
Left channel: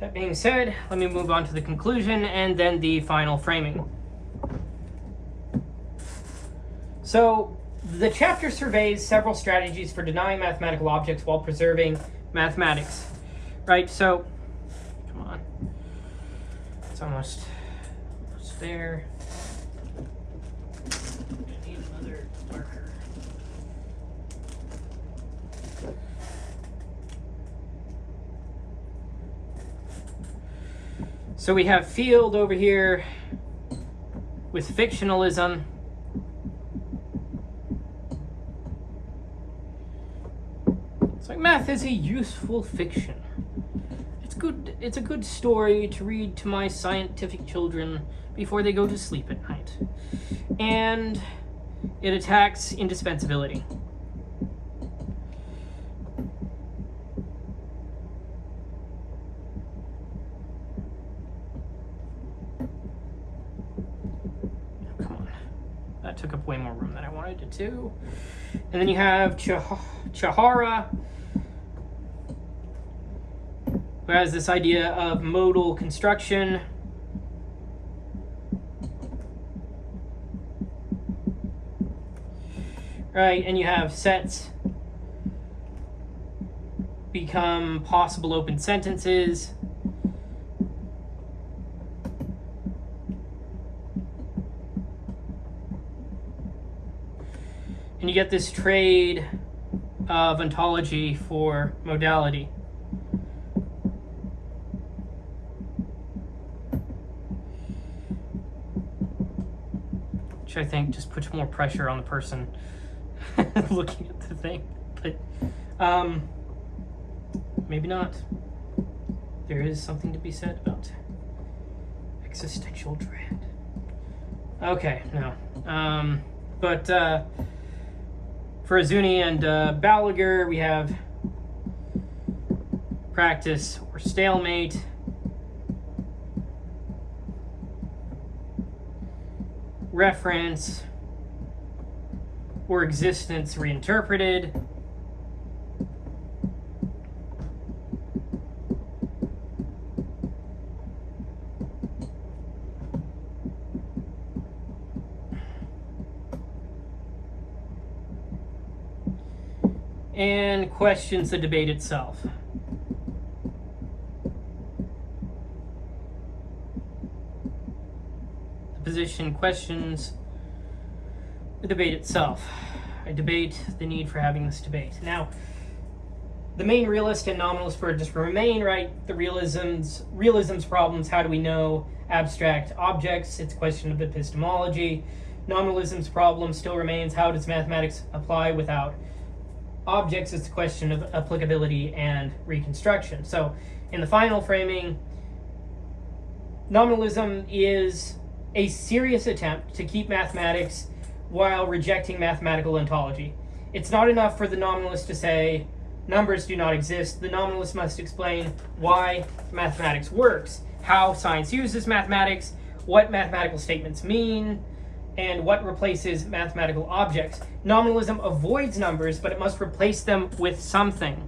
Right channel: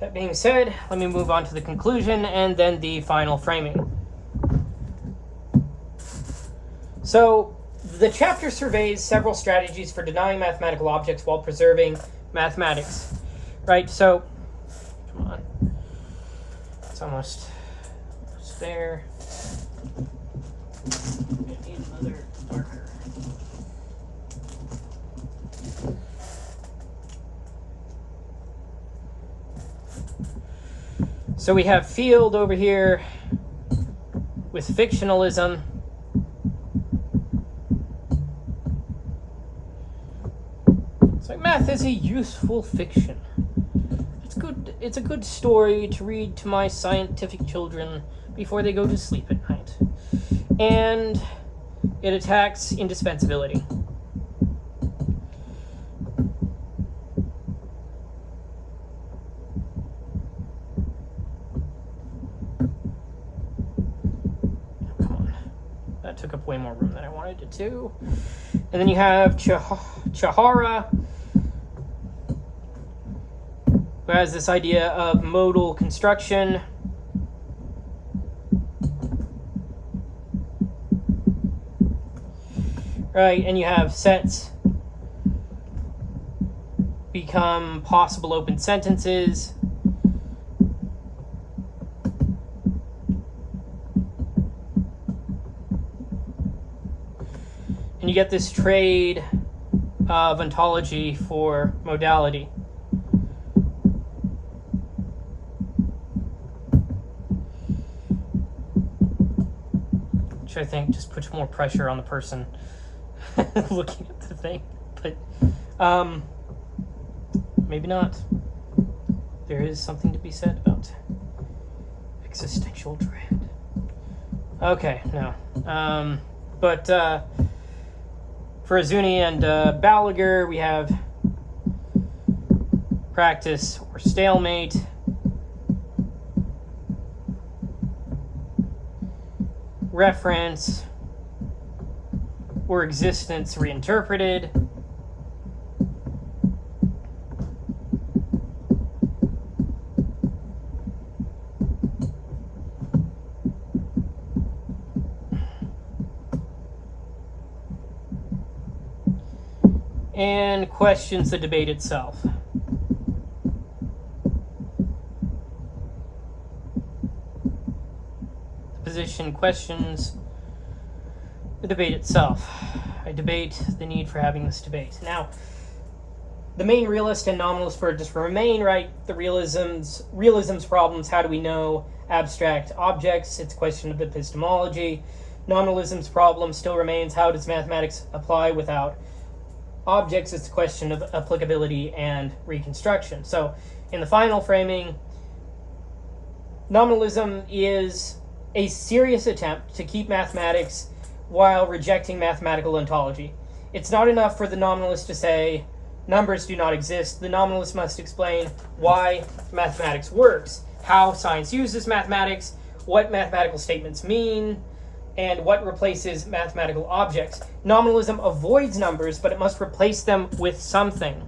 That being said, let me move on to the conclusion and then the final framing. So, the chapter surveys several strategies for denying mathematical objects while preserving mathematics. Right, so, come on. It's almost there. I need another marker. So we have field over here with fictionalism. It's like math is a useful fiction. It's a good story to read to my scientific children before they go to sleep at night. And it attacks indispensability. Took up way more room than I wanted it to. And then you have Chahara, who has this idea of modal construction. Right, and you have sets become possible open sentences. And you get this trade of ontology for modality. Which I think just puts more pressure on the person looking at the thing. But maybe not. There is something to be said about existential dread. Okay, no. But for Azuni and Balaguer, we have practice or stalemate. Reference or existence reinterpreted. and questions the debate itself. The position questions the debate itself. I debate the need for having this debate. Now, the main realist and nominalist just remain, right? The realism's problems, how do we know abstract objects? It's a question of epistemology. Nominalism's problem still remains, how does mathematics apply without objects? It's a question of applicability and reconstruction. So in the final framing, nominalism is a serious attempt to keep mathematics while rejecting mathematical ontology. It's not enough for the nominalist to say numbers do not exist. The nominalist must explain why mathematics works, how science uses mathematics, what mathematical statements mean, and what replaces mathematical objects. Nominalism avoids numbers, but it must replace them with something.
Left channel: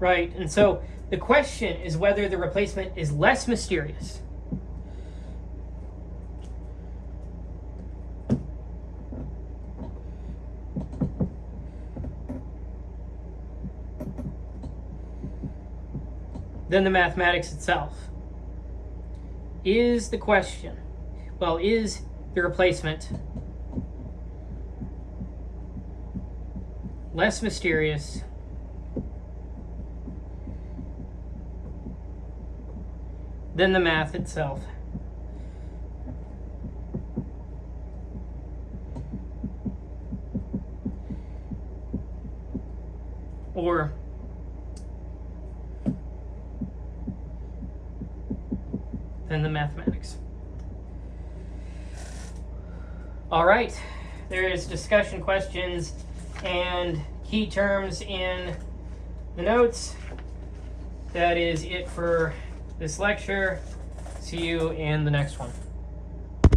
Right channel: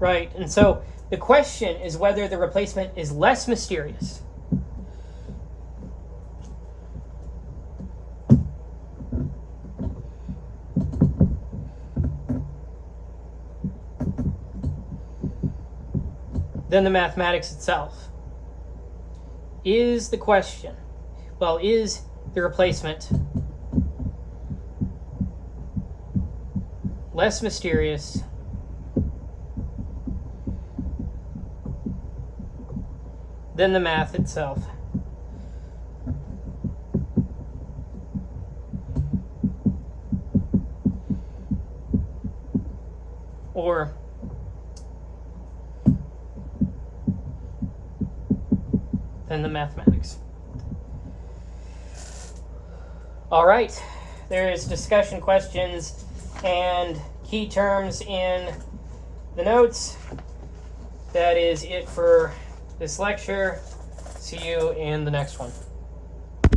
Right, and so the question is whether the replacement is less mysterious. Than the mathematics itself. Is the question, well, is the replacement less mysterious than the math itself? Or than the mathematics. All right, there's discussion questions and key terms in the notes. That is it for this lecture. See you in the next one.